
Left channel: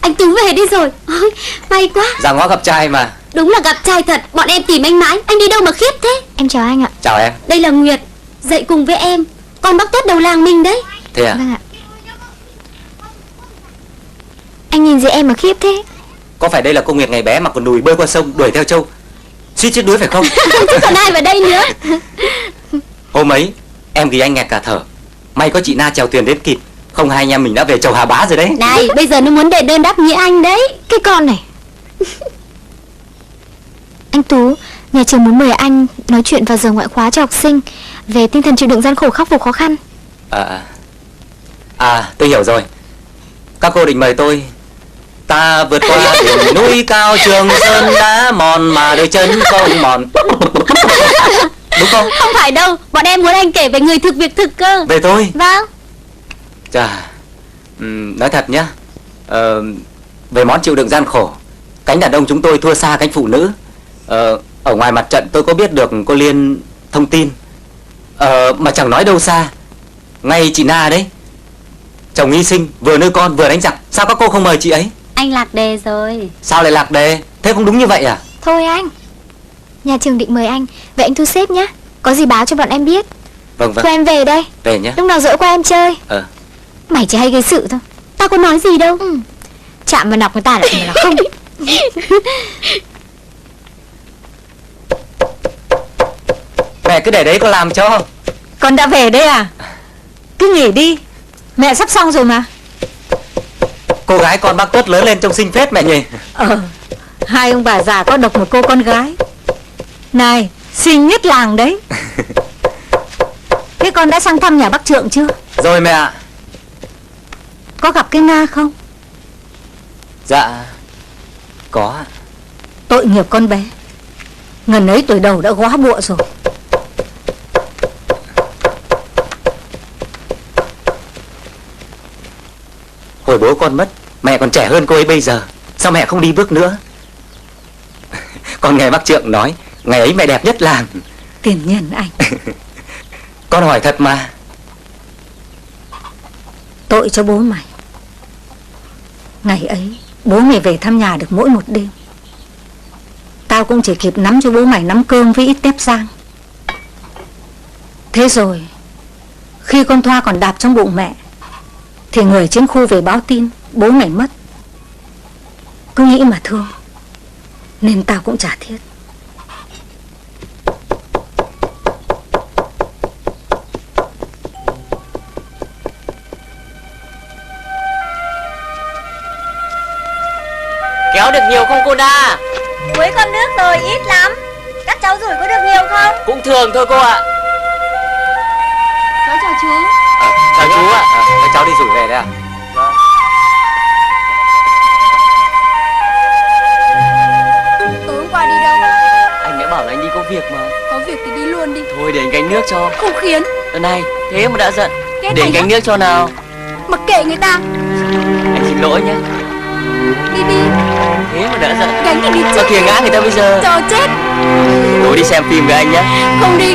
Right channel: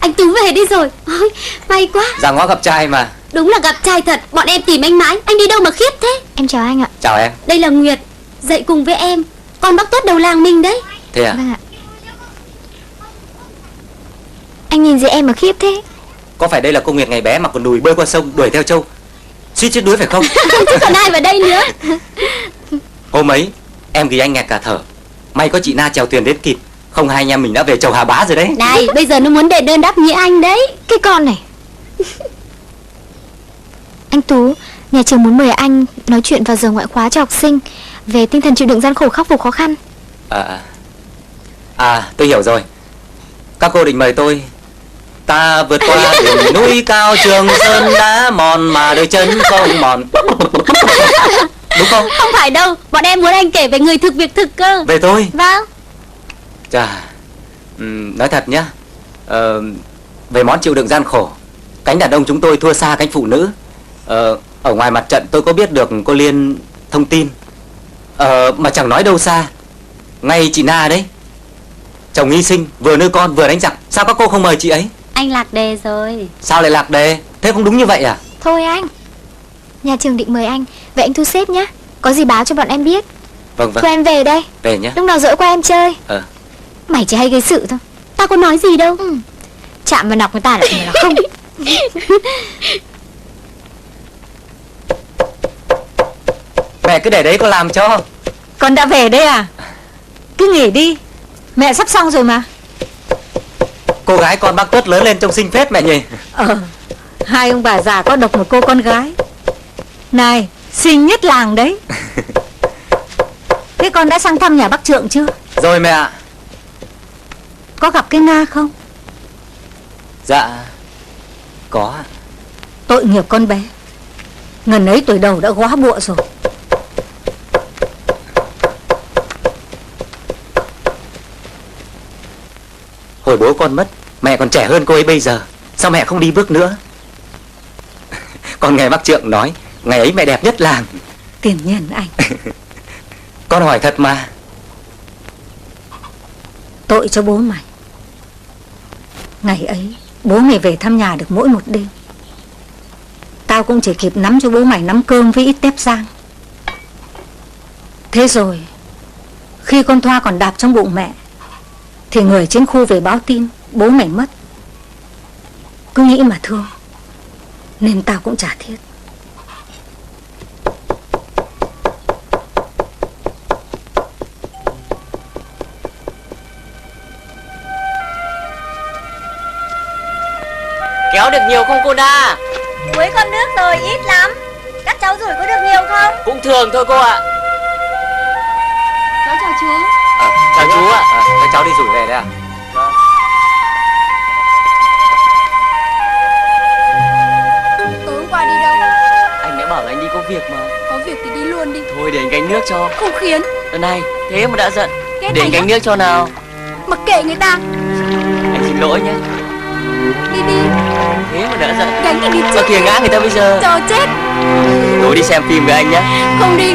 Anh Tú về đi rồi. Ôi, may quá. Ra ngõ gặp trai mà. Đúng là gặp trai thật, bọn em tìm anh mãi. Anh đi đâu mà khiếp thế? Em chào anh ạ. Chào em. Đây là Nguyệt, dậy cùng với em. Con bác tốt đầu làng mình đấy. Thế à? Vâng ạ. Anh nhìn gì em mà khiếp thế? Có phải đây là cô Nguyệt ngày bé mặc quần đùi bơi qua sông đuổi theo trâu suýt chết đuối phải không? Chứ còn ai vào đây nữa. Hôm ấy em vì anh nghẹt cả thở. May có chị Na chèo thuyền đến kịp, không hai anh em mình đã về chầu Hà Bá rồi đấy. Đây, bây giờ nó muốn đệ đơn đáp nghĩa anh đấy. Cái con này. Anh Tú, nhà trường muốn mời anh nói chuyện vào giờ ngoại khóa cho học sinh về tinh thần chịu đựng gian khổ, khắc phục khó khăn. Tôi hiểu rồi. Các cô định mời tôi. Ta vượt qua núi cao Trường Sơn đá mòn mà đôi chân không mòn. Đúng không? Không phải đâu, bọn em muốn anh kể về người thực việc thực cơ. Về thôi. Vâng. Chà, nói thật nhá, về món chịu đựng gian khổ, cánh đàn ông chúng tôi thua xa cánh phụ nữ. Ở ngoài mặt trận tôi có biết được cô Liên thông tin, mà chẳng nói đâu xa. Ngay chị Na đấy, chồng hy sinh, vừa nuôi con vừa đánh giặc, sao các cô không mời chị ấy? Anh lạc đề rồi. Sao lại lạc đề? Thế không đúng như vậy à? Thôi anh, nhà trường định mời anh, vậy anh thu xếp nhé. Có gì báo cho bọn em biết. Vâng vâng. Thôi em về đây. Về nhé. Lúc nào dỡ qua em chơi. Mày chỉ hay gây sự thôi. Tao có nói gì đâu. Chạm vào nọc người ta lại là không. Mẹ cứ để đấy con làm cho. Con đã về đây à? Cứ nghỉ đi, mẹ sắp xong rồi mà. Cô gái con bác tốt lớn lên trông xinh phết mẹ nhỉ. Hai ông bà già có độc một cô con gái. Này, xinh nhất làng đấy. Thế con đã sang thăm nhà bác Trượng chưa? Rồi mẹ ạ. Có gặp cái Na không? Dạ, có. Tội nghiệp con bé. Ngần ấy tuổi đầu đã góa bụa rồi. Hồi bố con mất, mẹ còn trẻ hơn cô ấy bây giờ. Sao mẹ không đi bước nữa? Con nghe bác Trượng nói, ngày ấy mẹ đẹp nhất làng. Tiền nhân anh. Con hỏi thật mà. Tội cho bố mày. Ngày ấy, bố mày về thăm nhà được mỗi một đêm. Tao cũng chỉ kịp nắm cho bố mày nắm cơm với ít tép rang. Thế rồi, khi con Thoa còn đạp trong bụng mẹ, thì người chiến khu về báo tin bố mày mất. Cứ nghĩ mà thương, nên tao cũng chả thiết. Kéo được nhiều không cô Na? Cuối cơm nước rồi, ít lắm. Các cháu rủi có được nhiều không? Cũng thường thôi cô ạ. Cháu chào chú. Chào chú ạ. Các cháu đi rủi về đây ạ. Tối qua đi đâu? Anh đã bảo là anh đi có việc mà. Có việc thì đi luôn đi. Thôi để anh gánh nước cho. Không khiến. Này, thế mà đã giận. Ghét Để anh anh gánh nước cho nào. Mặc kệ người ta. Anh xin lỗi nhé. Đi đi. Thế mà đã giận. Gánh thì đi Sao chứ. kìa ngã người ta bây giờ. Chờ chết. Tối đi xem phim với anh nhé. Không đi.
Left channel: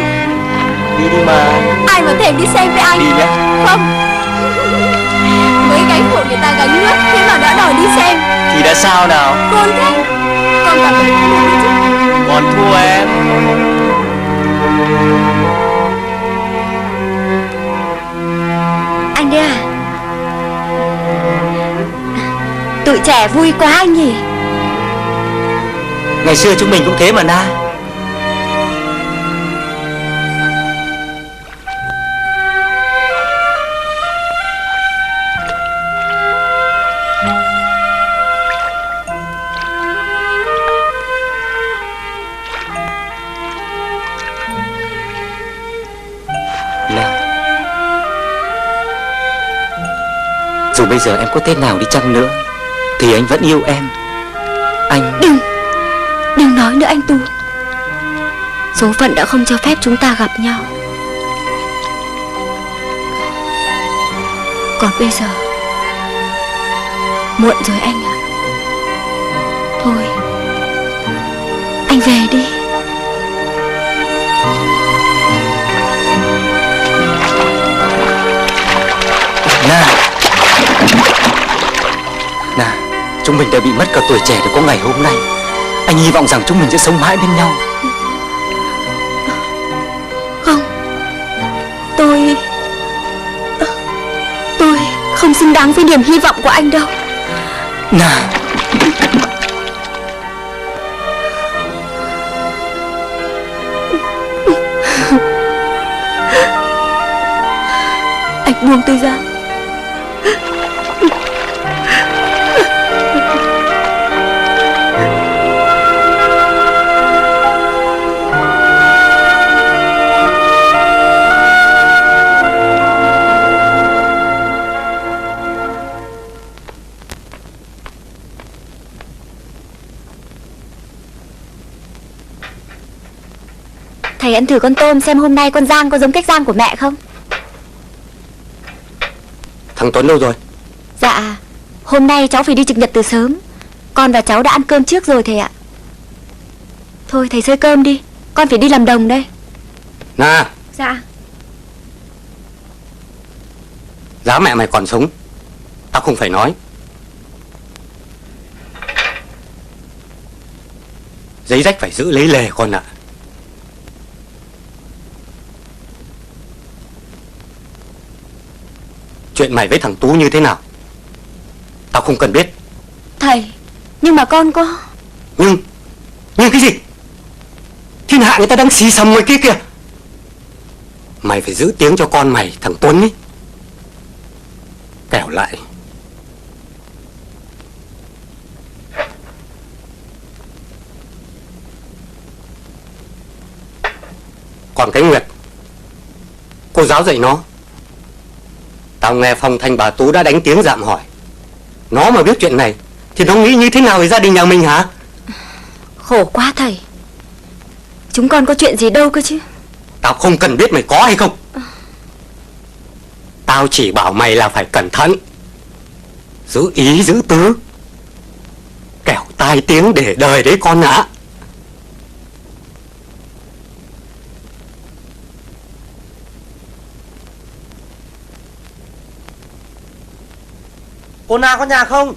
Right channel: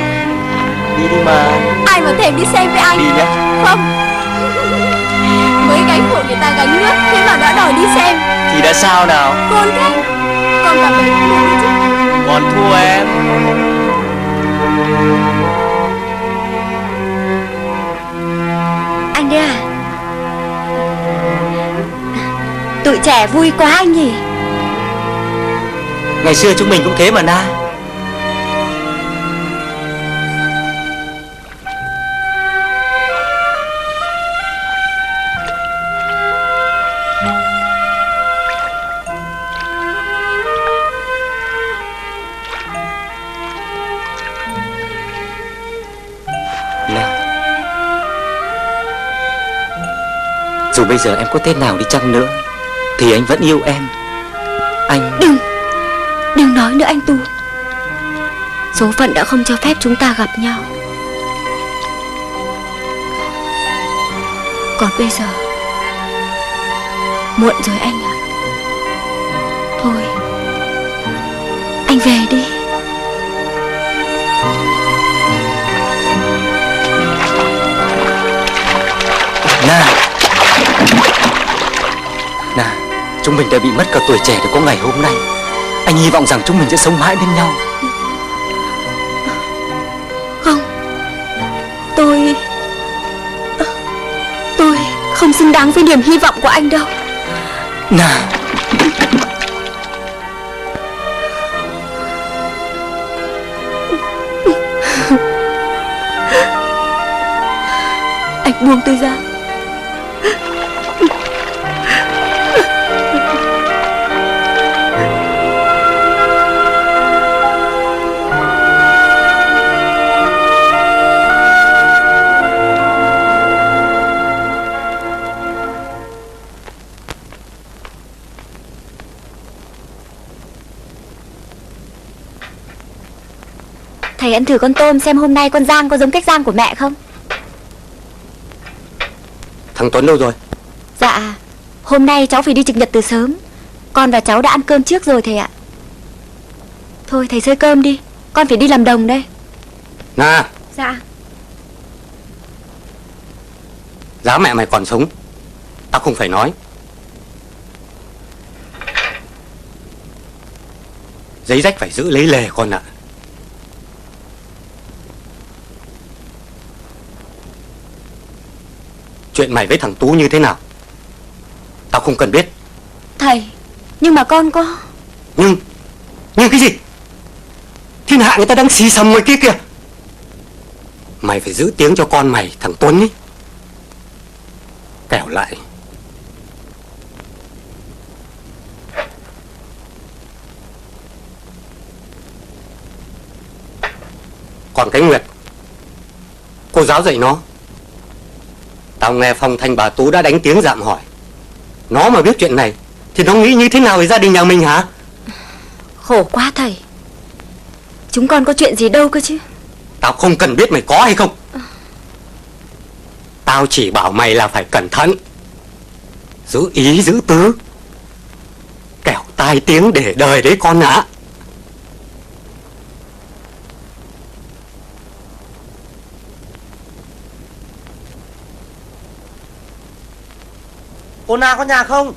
Đi mà. Ai mà thèm đi xem với anh. Đi nhé. Không. Mới gánh của người ta gánh nước, thế mà đã đòi đi xem. Thì đã sao nào. Cơn thế. Con cả về thua đi chứ. Còn thua em. Anh đấy à? Tụi trẻ vui quá anh nhỉ? Ngày xưa chúng mình cũng thế mà Na. Dù bây giờ em có thế nào đi chăng nữa thì anh vẫn yêu em. Anh... Đừng nói nữa anh Tú. Số phận đã không cho phép chúng ta gặp nhau. Còn bây giờ muộn rồi anh ạ. Thôi anh về đi. Nà, chúng mình đã bị mất cả tuổi trẻ để có ngày hôm nay. Anh hy vọng rằng chúng mình sẽ sống mãi bên nhau. Không, tôi không xứng đáng với niềm hy vọng của anh đâu. Nà, Anh buông tôi ra. Thầy ăn thử con tôm xem hôm nay con rang có giống cách rang của mẹ không? Thằng Tuấn đâu rồi? Dạ, hôm nay cháu phải đi trực nhật từ sớm. Con và cháu đã ăn cơm trước rồi thầy ạ. Thôi thầy xơi cơm đi, con phải đi làm đồng đây. Na, Dạ. giá mẹ mày còn sống tao không phải nói. Giấy rách phải giữ lấy lề con ạ. Chuyện mày với thằng Tú như thế nào tao không cần biết. Thầy, nhưng mà con có... Nhưng cái gì? Thiên hạ người ta đang xì xầm mày kia kìa. Mày phải giữ tiếng cho con mày, thằng Tuấn ấy. Kẻo lại còn cái Nguyệt, cô giáo dạy nó. Tao nghe Phong Thanh bà Tú đã đánh tiếng dạm hỏi. Nó mà biết chuyện này thì nó nghĩ như thế nào về gia đình nhà mình hả? Khổ quá thầy. Chúng con có chuyện gì đâu cơ chứ. Tao không cần biết mày có hay không. Tao chỉ bảo mày là phải cẩn thận, giữ ý giữ tứ, kẻo tai tiếng để đời đấy con ạ. cô Na có nhà không?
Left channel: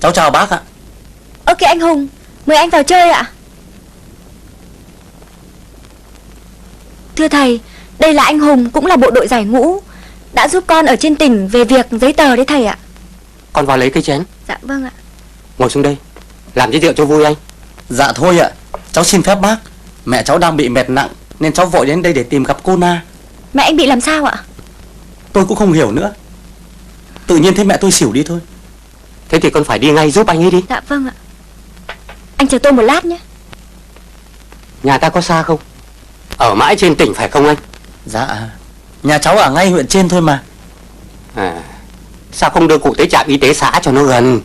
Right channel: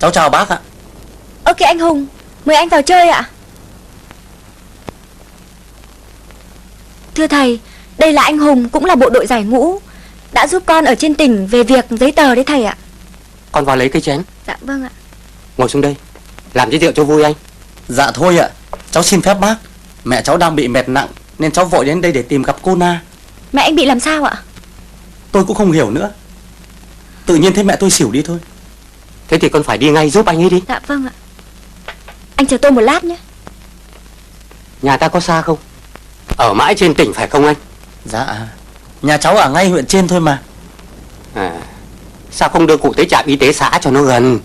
Cháu chào bác ạ. Ơ kìa anh Hùng, mời anh vào chơi ạ. Thưa thầy, đây là anh Hùng, cũng là bộ đội giải ngũ, đã giúp con ở trên tỉnh về việc giấy tờ đấy thầy ạ. Con vào lấy cây chén. Dạ vâng ạ. Ngồi xuống đây, làm giới thiệu cho vui anh. Dạ thôi ạ, cháu xin phép bác. Mẹ cháu đang bị mệt nặng nên cháu vội đến đây để tìm gặp cô Na. Mẹ anh bị làm sao ạ? Tôi cũng không hiểu nữa. Tự nhiên thấy mẹ tôi xỉu đi thôi. Thế thì con phải đi ngay giúp anh ấy đi. Dạ vâng ạ. Anh chờ tôi một lát nhé. Nhà ta có xa không? Ở mãi trên tỉnh phải không anh? Dạ, nhà cháu ở ngay huyện trên thôi mà. À, sao không đưa cụ tới trạm y tế xã cho nó gần?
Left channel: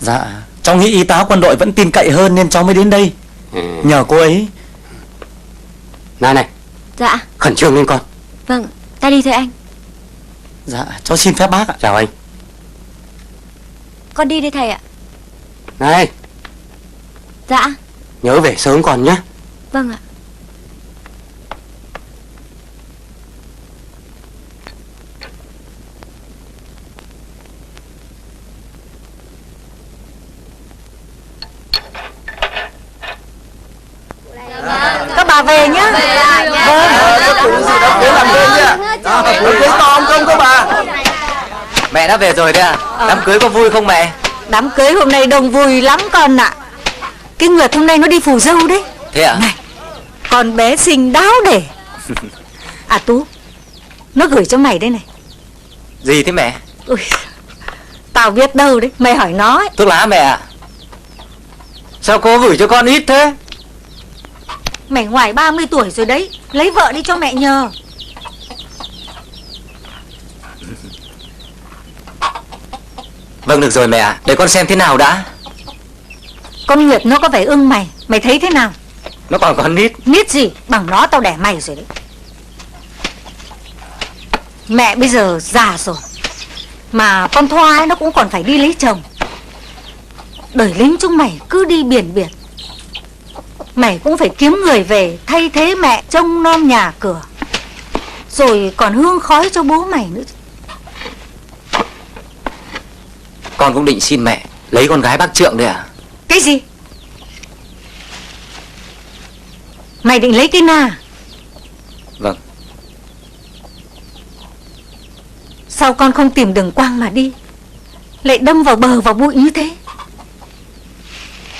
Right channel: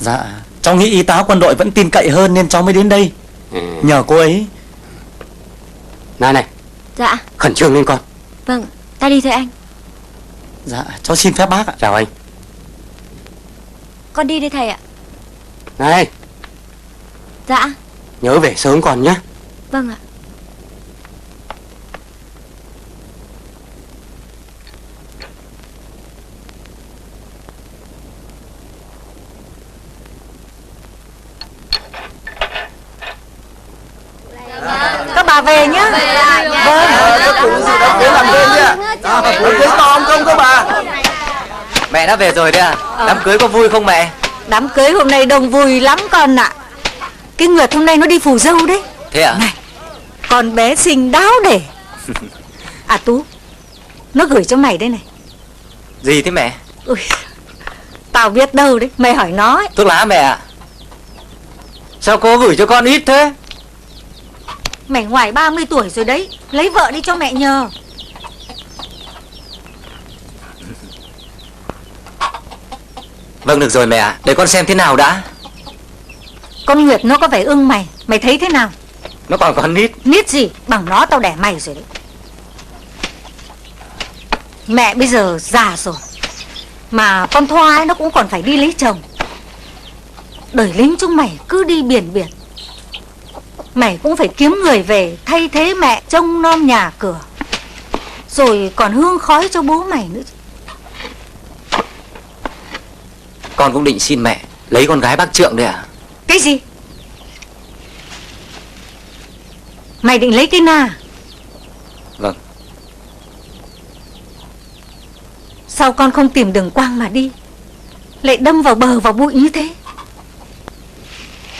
Dạ, cháu nghĩ y tá quân đội vẫn tin cậy hơn nên cháu mới đến đây. Nhờ cô ấy. Này, Dạ. khẩn trương lên con. Vâng, ta đi thôi anh. Dạ, cháu xin phép bác ạ. Chào anh. Con đi đây thầy ạ. Này, Dạ. nhớ về sớm con nhé. Vâng ạ. Các bà về nhá. Mẹ đã về rồi đấy à? Đám cưới có vui không mẹ? Đám cưới hôm nay đông vui lắm con ạ. Cái Nguyệt hôm nay nó đi phù dâu đấy. Thế à? Này, con bé xinh đáo để. À Tú, nó gửi cho mày đây này. Gì thế mẹ? Ui, tao biết đâu đấy, mày hỏi nó ấy. Thuốc lá mẹ ạ. Sao cô gửi cho con ít thế? Mày ngoài 30 tuổi rồi đấy, lấy vợ đi cho mẹ nhờ. Vâng, được rồi mẹ ạ. Để con xem thế nào đã. Con Nguyệt nó có vẻ ưng mày. Mày thấy thế nào? Nó còn con nít. Nít gì? Bằng nó tao đẻ mày rồi đấy. Mẹ bây giờ già rồi, mà con Thoa ấy nó cũng còn phải đi lấy chồng. Đời lính chúng mày cứ đi biển biệt, mày cũng phải kiếm người về thay thế mẹ trông nom nhà cửa, rồi còn hương khói cho bố mày nữa. Con cũng định xin mẹ lấy con gái bác Trượng đây à? Cái gì? Mày định lấy cái Na? Vâng. Sao con không tìm đường quang mà đi, lại đâm vào bờ vào bụi như thế?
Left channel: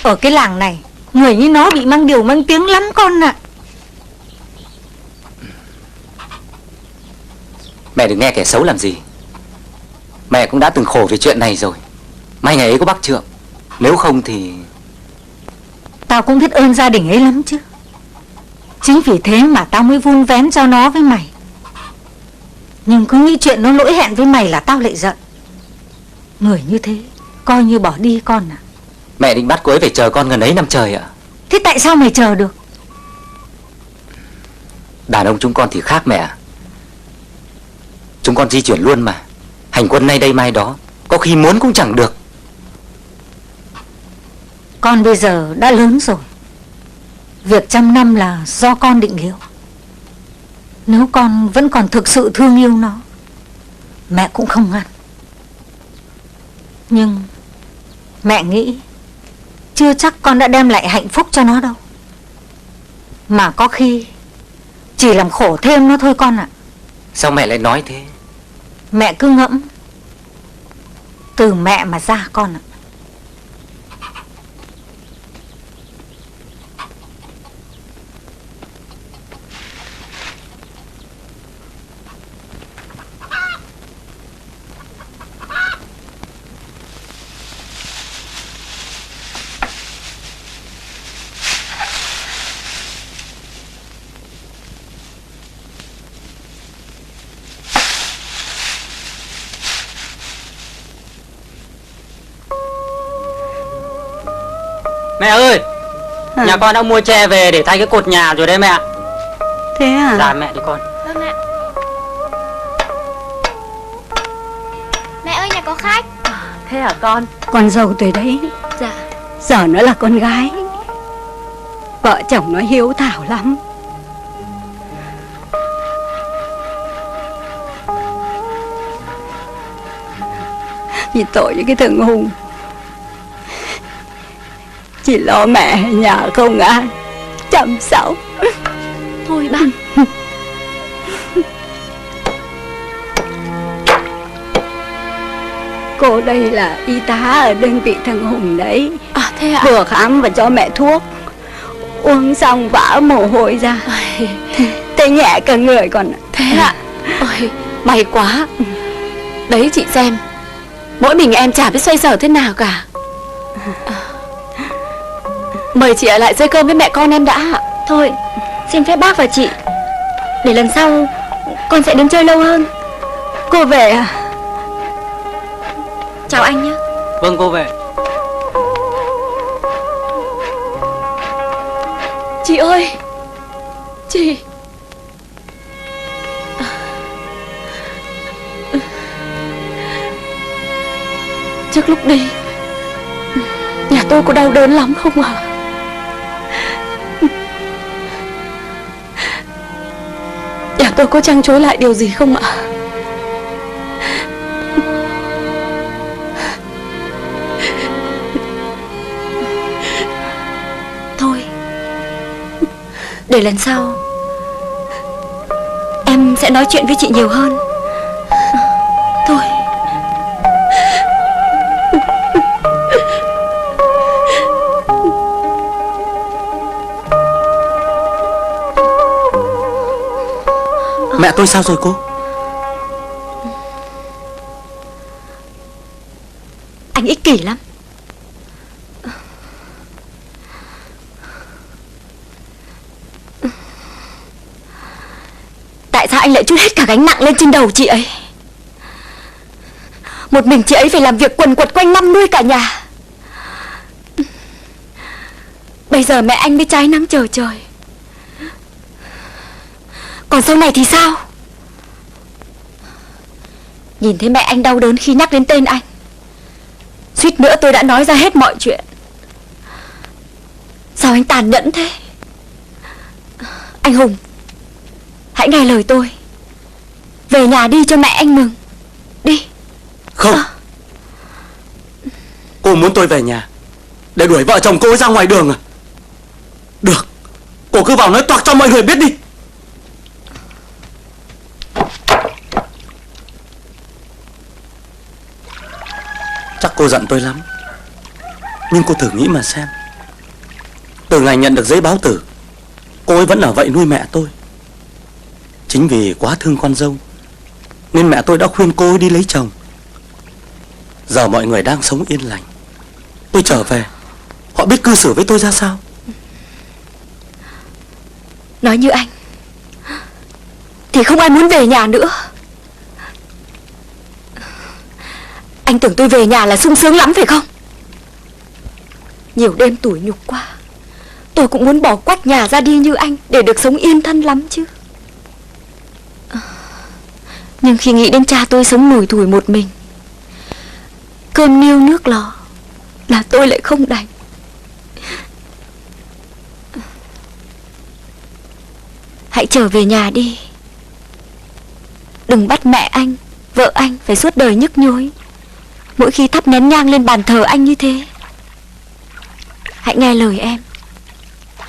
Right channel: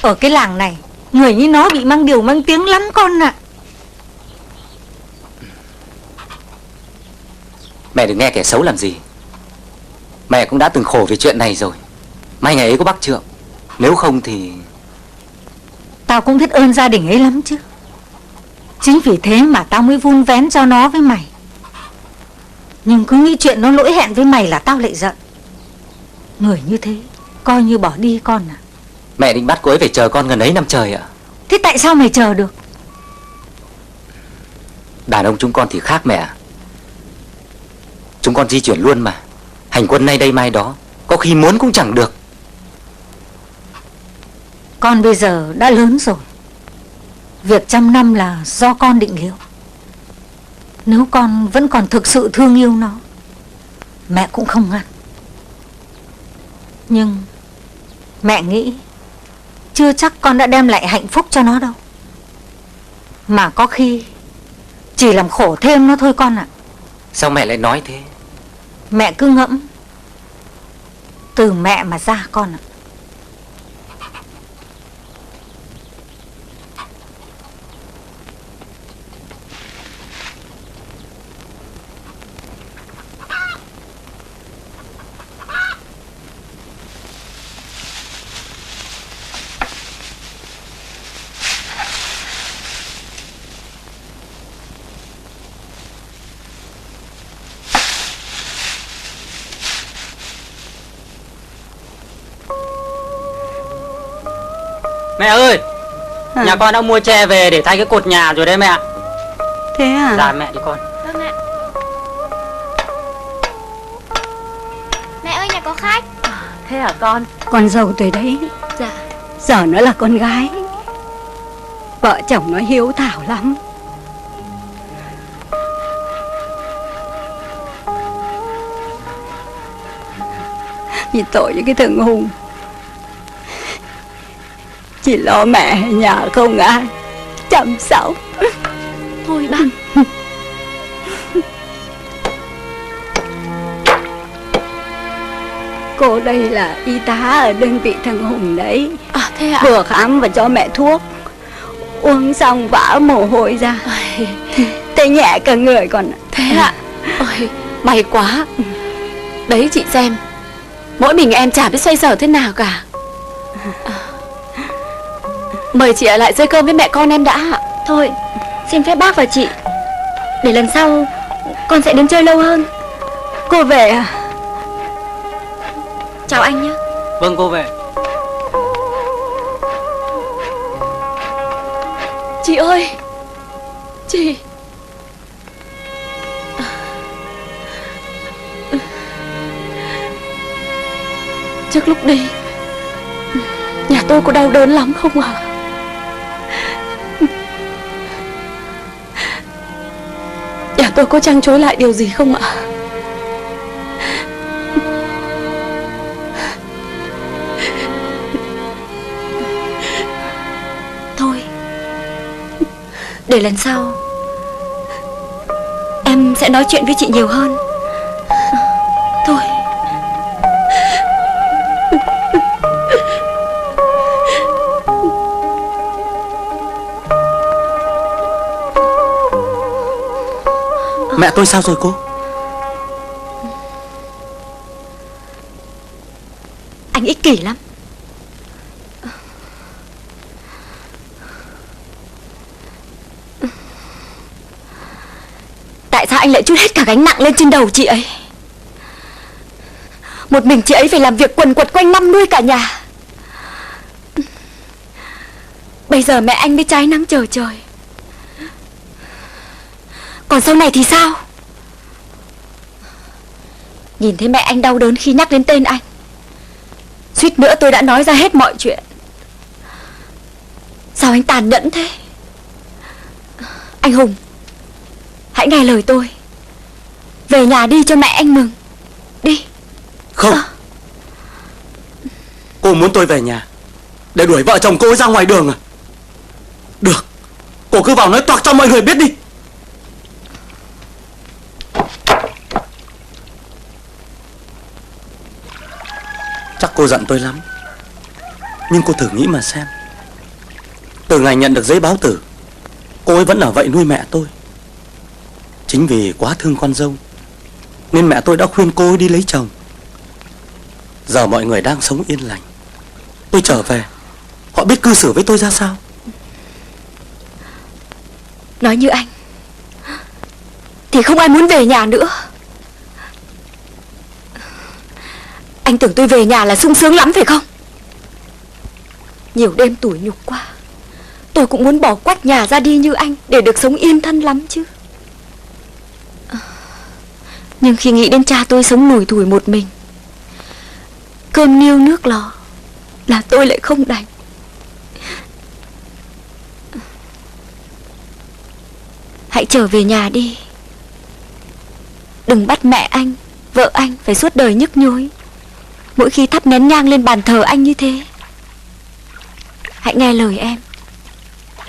Ở cái làng này, người như nó bị mang điều mang tiếng lắm con ạ. Mẹ đừng nghe kẻ xấu làm gì. Mẹ cũng đã từng khổ vì chuyện này rồi. May ngày ấy có bác Trượng, nếu không thì... Tao cũng biết ơn gia đình ấy lắm chứ. Chính vì thế mà tao mới vun vén cho nó với mày. Nhưng cứ nghĩ chuyện nó lỗi hẹn với mày là tao lại giận. Người như thế coi như bỏ đi con à. Mẹ định bắt cô ấy phải chờ con gần ấy năm trời ạ. Thế tại sao mày chờ được? Đàn ông chúng con thì khác mẹ ạ. Chúng con di chuyển luôn mà. Hành quân nay đây mai đó, có khi muốn cũng chẳng được. Con bây giờ đã lớn rồi, việc trăm năm là do con định liệu. Nếu con vẫn còn thực sự thương yêu nó, mẹ cũng không ngăn. Nhưng mẹ nghĩ chưa chắc con đã đem lại hạnh phúc cho nó đâu, mà có khi chỉ làm khổ thêm nó thôi con ạ. Sao mẹ lại nói thế? Mẹ cứ ngẫm, từ mẹ mà ra con ạ. Mẹ ơi, nhà con đã mua tre về để thay cái cột nhà rồi đấy mẹ. Thế à? Dạ mẹ cho con. Mẹ ơi, nhà có khách. Thế hả con? Con dâu tới đấy. Dạ. Giờ nó là con gái, vợ chồng nó hiếu thảo lắm. Vì tội với cái thằng Hùng, chỉ lo mẹ nhà không ai chăm sóc. Thôi bác. Cô đây là y tá ở đơn vị thằng Hùng đấy. À thế ạ? Vừa khám và cho mẹ thuốc, uống xong vã mồ hôi ra, tê nhẹ cả người còn. Thế ạ? Ôi, may quá. Đấy chị xem, mỗi mình em chả biết xoay sở thế nào cả. Mời chị ở lại chơi cơm với mẹ con em đã ạ. Thôi, xin phép bác và chị, để lần sau con sẽ đến chơi lâu hơn. Cô về à? Chào anh nhé. Vâng cô về. Chị ơi, chị. Trước lúc đi, nhà tôi có đau đớn lắm không ạ? Nhà tôi có trăn trối lại điều gì không ạ? Thôi, để lần sau em sẽ nói chuyện với chị nhiều hơn. Thôi. Mẹ tôi sao rồi cô? Anh ích kỷ lắm. Tại sao anh lại trút hết cả gánh nặng lên trên đầu chị ấy? Một mình chị ấy phải làm việc quần quật quanh năm nuôi cả nhà. Bây giờ mẹ anh mới trái nắng chờ trời. Còn sau này thì sao? Nhìn thấy mẹ anh đau đớn khi nhắc đến tên anh. Suýt nữa tôi đã nói ra hết mọi chuyện. Sao anh tàn nhẫn thế? Anh Hùng, hãy nghe lời tôi. Về nhà đi cho mẹ anh mừng. Đi. Không. Cô muốn tôi về nhà để đuổi vợ chồng cô ra ngoài đường à? Được, cô cứ vào nói toạc cho mọi người biết đi. Chắc cô giận tôi lắm, nhưng cô thử nghĩ mà xem. Từ ngày nhận được giấy báo tử, cô ấy vẫn ở vậy nuôi mẹ tôi. Chính vì quá thương con dâu nên mẹ tôi đã khuyên cô ấy đi lấy chồng. Giờ mọi người đang sống yên lành, tôi trở về, họ biết cư xử với tôi ra sao? Nói như anh thì không ai muốn về nhà nữa. Anh tưởng tôi về nhà là sung sướng lắm phải không? Nhiều đêm tủi nhục quá, tôi cũng muốn bỏ quách nhà ra đi như anh để được sống yên thân lắm chứ. Nhưng khi nghĩ đến cha tôi sống lủi thủi một mình, cơm niêu nước lò, là tôi lại không đành. Hãy trở về nhà đi. Đừng bắt mẹ anh, vợ anh phải suốt đời nhức nhối mỗi khi thắp nén nhang lên bàn thờ anh như thế. Hãy nghe lời em.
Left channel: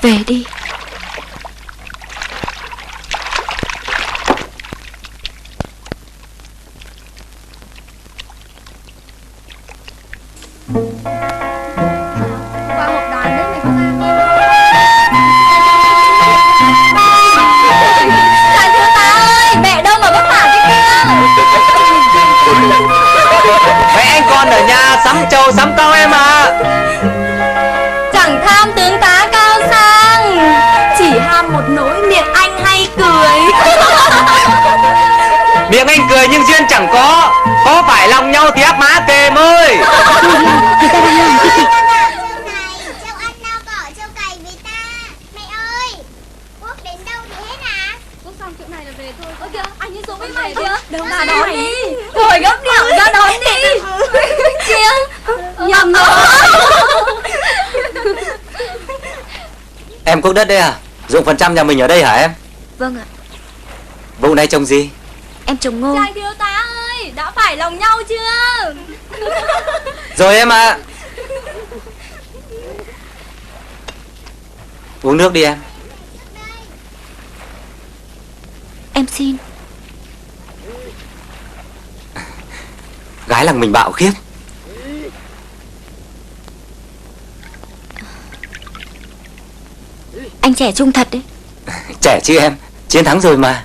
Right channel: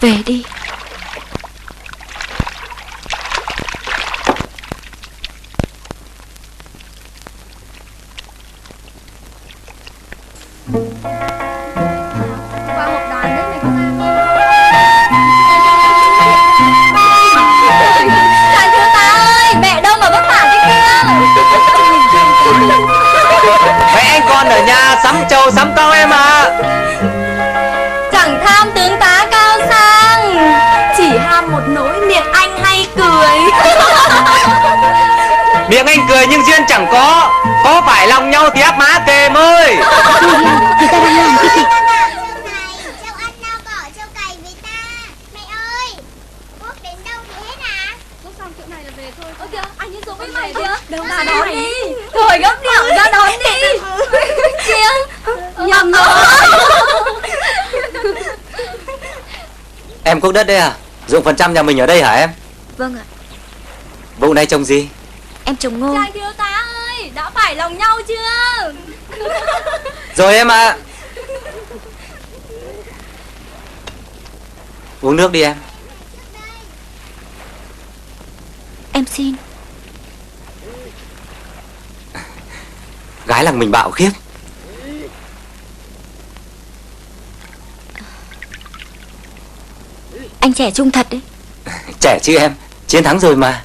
Về đi. Qua một đòn đấy mày có ra không? Đại thiếu tá ơi, mẹ đâu mà vất vả thế kia? Mấy anh con ở nhà sắm trâu sắm con em à. Chẳng tham tướng tá cao sang, chỉ ham một nỗi miệng anh hay cười. Miệng anh cười nhưng duyên chẳng có phải lòng nhau thì áp má kề ơi. Rồi gấp điện ra đón đi. Nhập Em cuốc đất đây à? Dụng phần trăm nhà mình ở đây hả em? Vâng ạ. Vùng đây trồng gì? Em trồng ngô. Đại thiếu tá ơi, đã phải lòng nhau chưa? Rồi em ạ. Uống nước đi em. Em xin. Gái làng mình bạo khiết. Anh trẻ trung thật đấy. Trẻ chứ em, chiến thắng rồi mà.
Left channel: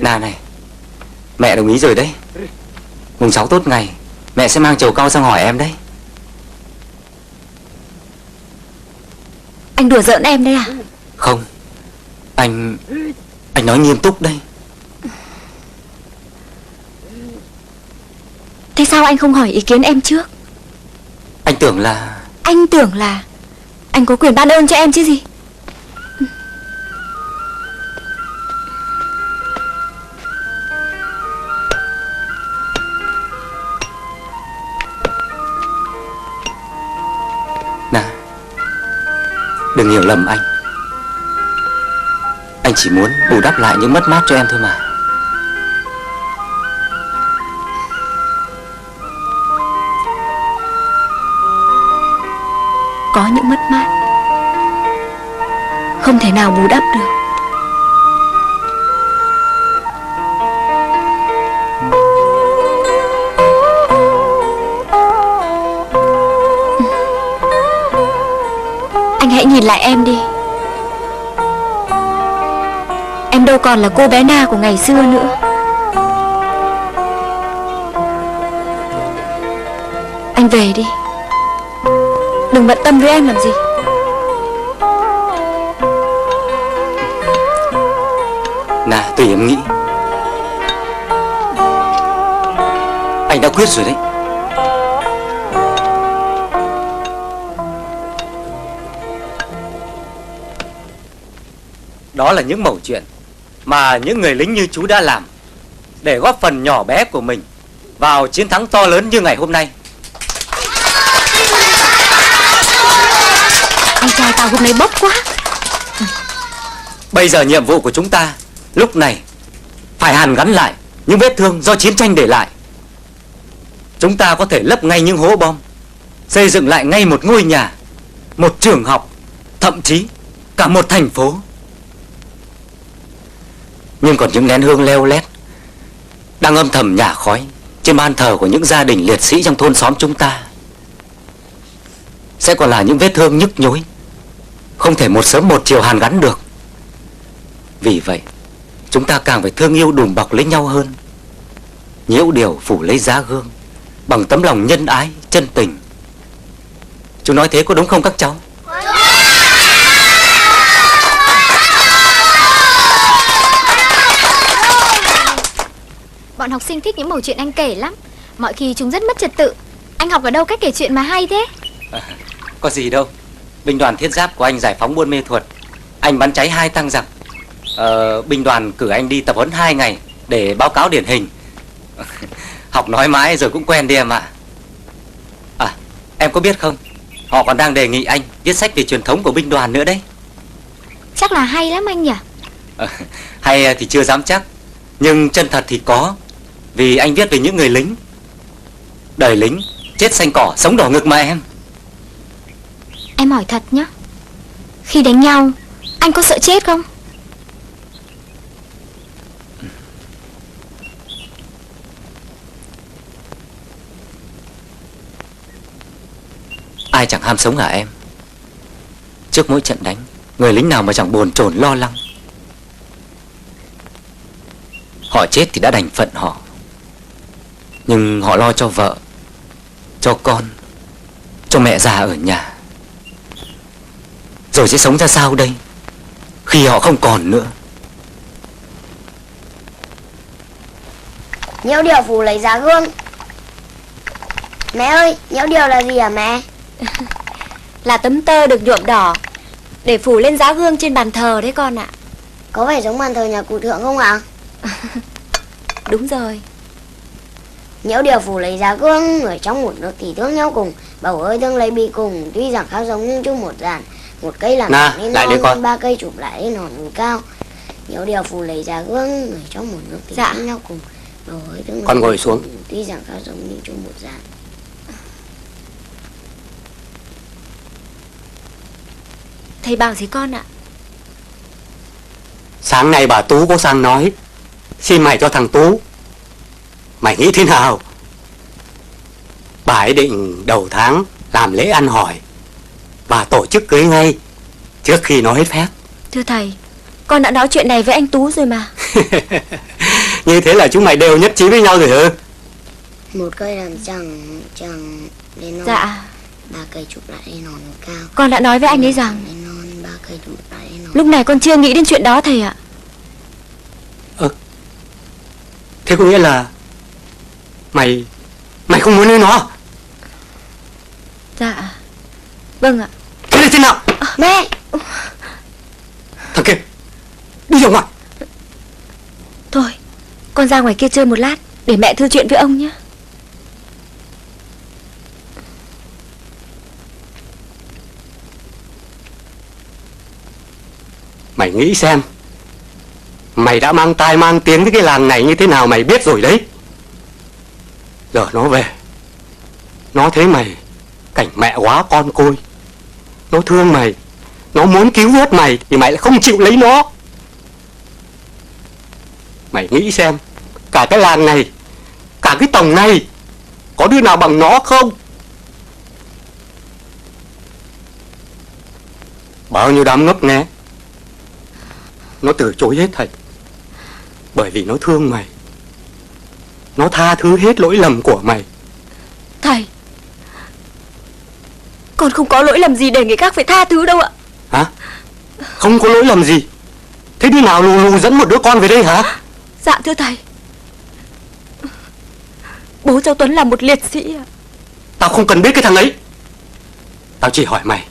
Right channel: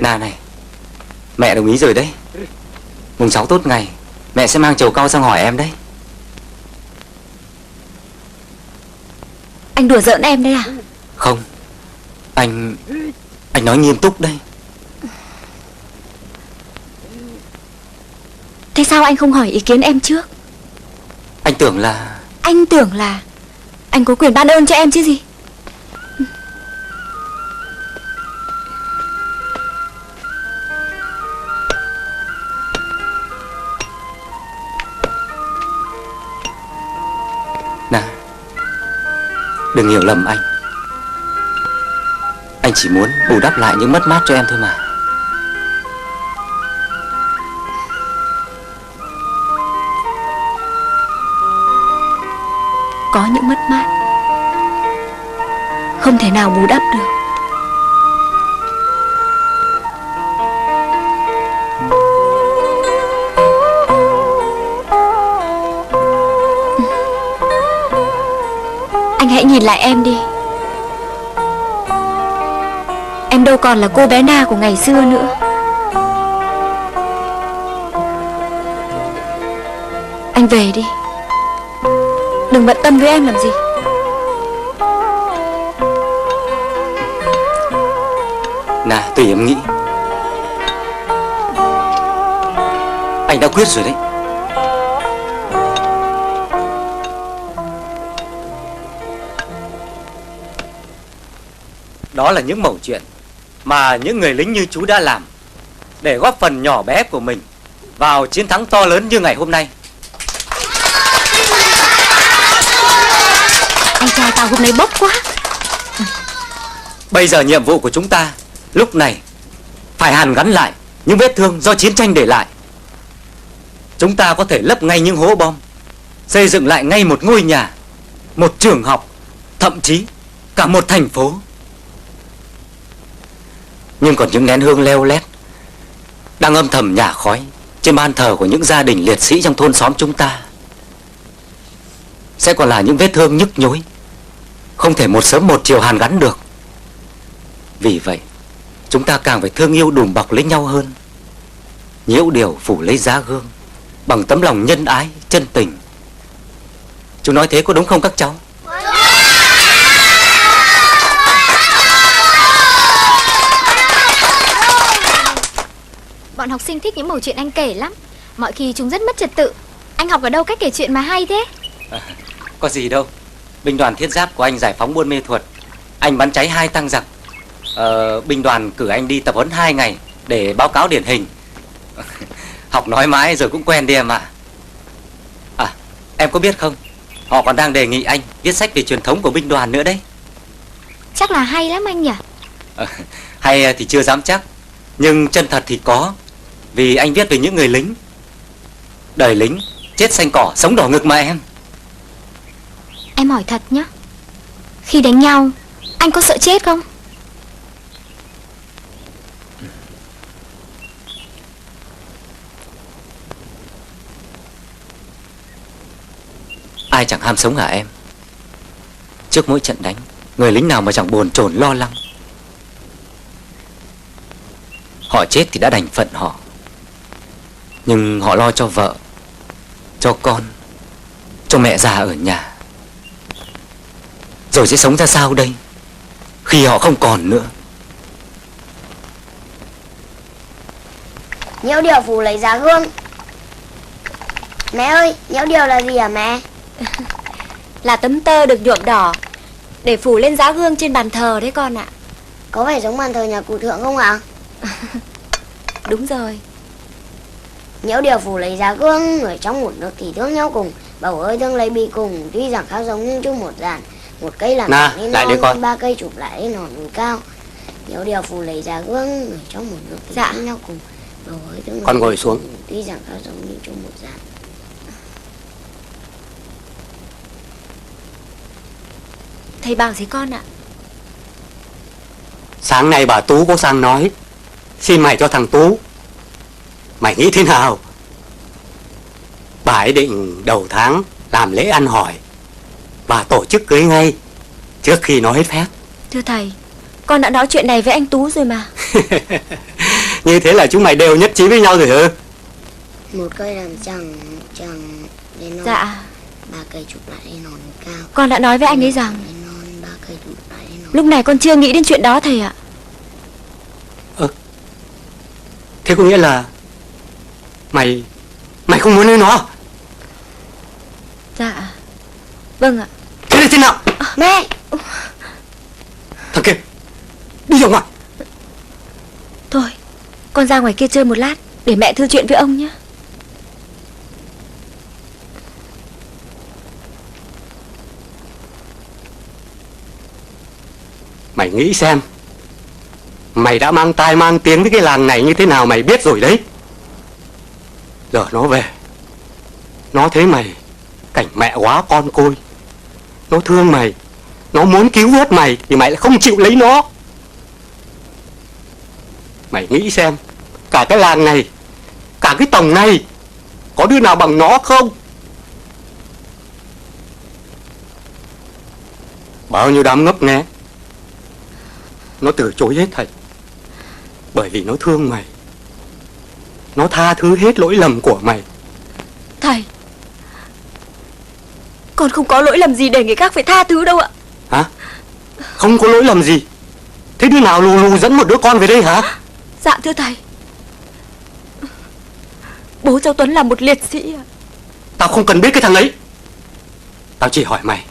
Này, mẹ đồng ý rồi đấy. Mùng 6 tốt ngày, mẹ sẽ mang trầu cau sang hỏi em đấy. Anh đùa giỡn em đấy à? Không, anh nói nghiêm túc đây. Thế sao anh không hỏi ý kiến em trước? Anh tưởng là anh có quyền ban ơn cho em chứ gì. Nào, đừng hiểu lầm anh. Anh chỉ muốn bù đắp lại những mất mát cho em thôi mà. Có những mất mát không thể nào bù đắp được. Anh hãy nhìn lại em đi. Em đâu còn là cô bé Na của ngày xưa nữa. Anh về đi. Đừng bận tâm với em làm gì. Nào, tùy em nghĩ. Anh đã quyết rồi đấy. Đó là những mẩu chuyện mà những người lính như chú đã làm để góp phần nhỏ bé của mình vào chiến thắng to lớn như ngày hôm nay. Anh trai tao hôm nay bốc quá. Bây giờ nhiệm vụ của chúng ta lúc này phải hàn gắn lại những vết thương do chiến tranh để lại. Chúng ta có thể lấp ngay những hố bom, xây dựng lại ngay một ngôi nhà, một trường học, thậm chí cả một thành phố. Nhưng còn những nén hương leo lét đang âm thầm nhả khói trên ban thờ của những gia đình liệt sĩ trong thôn xóm chúng ta sẽ còn là những vết thương nhức nhối, không thể một sớm một chiều hàn gắn được. Vì vậy chúng ta càng phải thương yêu đùm bọc lấy nhau hơn, nhiễu điều phủ lấy giá gương bằng tấm lòng nhân ái, chân tình. Chú nói thế có đúng không các cháu? Bọn học sinh thích những mẩu chuyện anh kể lắm. Mọi khi chúng rất mất trật tự. Anh học ở đâu cách kể chuyện mà hay thế? Có gì đâu. Binh đoàn thiết giáp của anh giải phóng Buôn Mê Thuột, anh bắn cháy 2 tăng giặc. Binh đoàn cử anh đi tập huấn 2 ngày để báo cáo điển hình. Học nói mãi rồi cũng quen đi em ạ. Em có biết không, họ còn đang đề nghị anh viết sách về truyền thống của binh đoàn nữa đấy. Chắc là hay lắm anh nhỉ? Hay thì chưa dám chắc, nhưng chân thật thì có. Vì anh viết về những người lính. Đời lính chết xanh cỏ sống đỏ ngực mà em. Em hỏi thật nhá, khi đánh nhau anh có sợ chết không? Ai chẳng ham sống hả em? Trước mỗi trận đánh, người lính nào mà chẳng bồn chồn lo lắng. Họ chết thì đã đành phận họ, nhưng họ lo cho vợ, cho con, cho mẹ già ở nhà. Rồi sẽ sống ra sao đây khi họ không còn nữa? Nhiễu điều phủ lấy giá gương. Mẹ ơi, nhiễu điều là gì hả mẹ? Là tấm tơ được nhuộm đỏ để phủ lên giá gương trên bàn thờ đấy con ạ. Có phải giống bàn thờ nhà cụ Thượng không ạ? Đúng rồi. Nhiễu điều phủ lấy giá gương, người trong một nước thì thương nhau cùng, bầu ơi thương lấy bi cùng, tuy rằng khác giống nhưng chung một dàn. Một cây làm lên non, 3 cây chụp lại lên nòn cao. Nhiễu điều phủ lấy giá gương, người trong một nước thì thương nhau cùng, bầu ơi thương Con ngồi xuống. Tuy rằng khác giống nhưng chung một dàn. Thầy bảo gì con ạ? Sáng nay bà Tú có sang nói xin mày cho thằng Tú. Mày nghĩ thế nào? Bà ấy định đầu tháng làm lễ ăn hỏi và tổ chức cưới ngay trước khi nó hết phép. Thưa thầy, con đã nói chuyện này với anh Tú rồi mà. Như thế là chúng mày đều nhất trí với nhau rồi hả? Một cây làm chẳng lên non. Dạ. 3 cây chụp lại lên nòn cao. Con đã nói với anh ấy rằng Lên non, 3 cây chụp lại lên nòn. lúc này con chưa nghĩ đến chuyện đó thầy ạ. Thế có nghĩa là Mày không muốn lấy nó? Dạ. Vâng ạ. Thế là thế nào? Mẹ! Thằng kia, đi ra ngoài. Thôi, con ra ngoài kia chơi một lát để mẹ thư chuyện với ông nhé. Mày nghĩ xem, mày đã mang tai mang tiếng với cái làng này như thế nào mày biết rồi đấy. Giờ nó về, nó thấy mày cảnh mẹ quá con côi, nó thương mày, nó muốn cứu vớt mày thì mày lại không chịu lấy nó. Mày nghĩ xem, cả cái làng này, cả cái tổng này, có đứa nào bằng nó không? Bao nhiêu đám ngốc nghé, nó từ chối hết thầy, bởi vì nó thương mày, nó tha thứ hết lỗi lầm của mày. Thầy, con không có lỗi lầm gì để người khác phải tha thứ đâu ạ. Hả? Không có lỗi lầm gì? Thế đứa nào lù lù dẫn một đứa con về đây hả? Dạ thưa thầy. Bố cháu Tuấn là một liệt sĩ à? Tao không cần biết cái thằng ấy. Tao chỉ hỏi mày,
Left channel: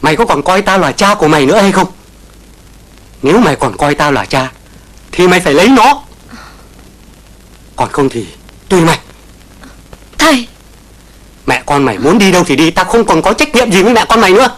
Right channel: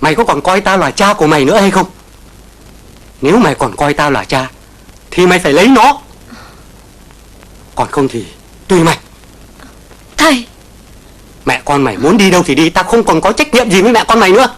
mày có còn coi tao là cha của mày nữa hay không? Nếu mày còn coi tao là cha thì mày phải lấy nó. Còn không thì tùy mày. Thầy, Mẹ con mày muốn đi đâu thì đi, tao không còn có trách nhiệm gì với mẹ con mày nữa.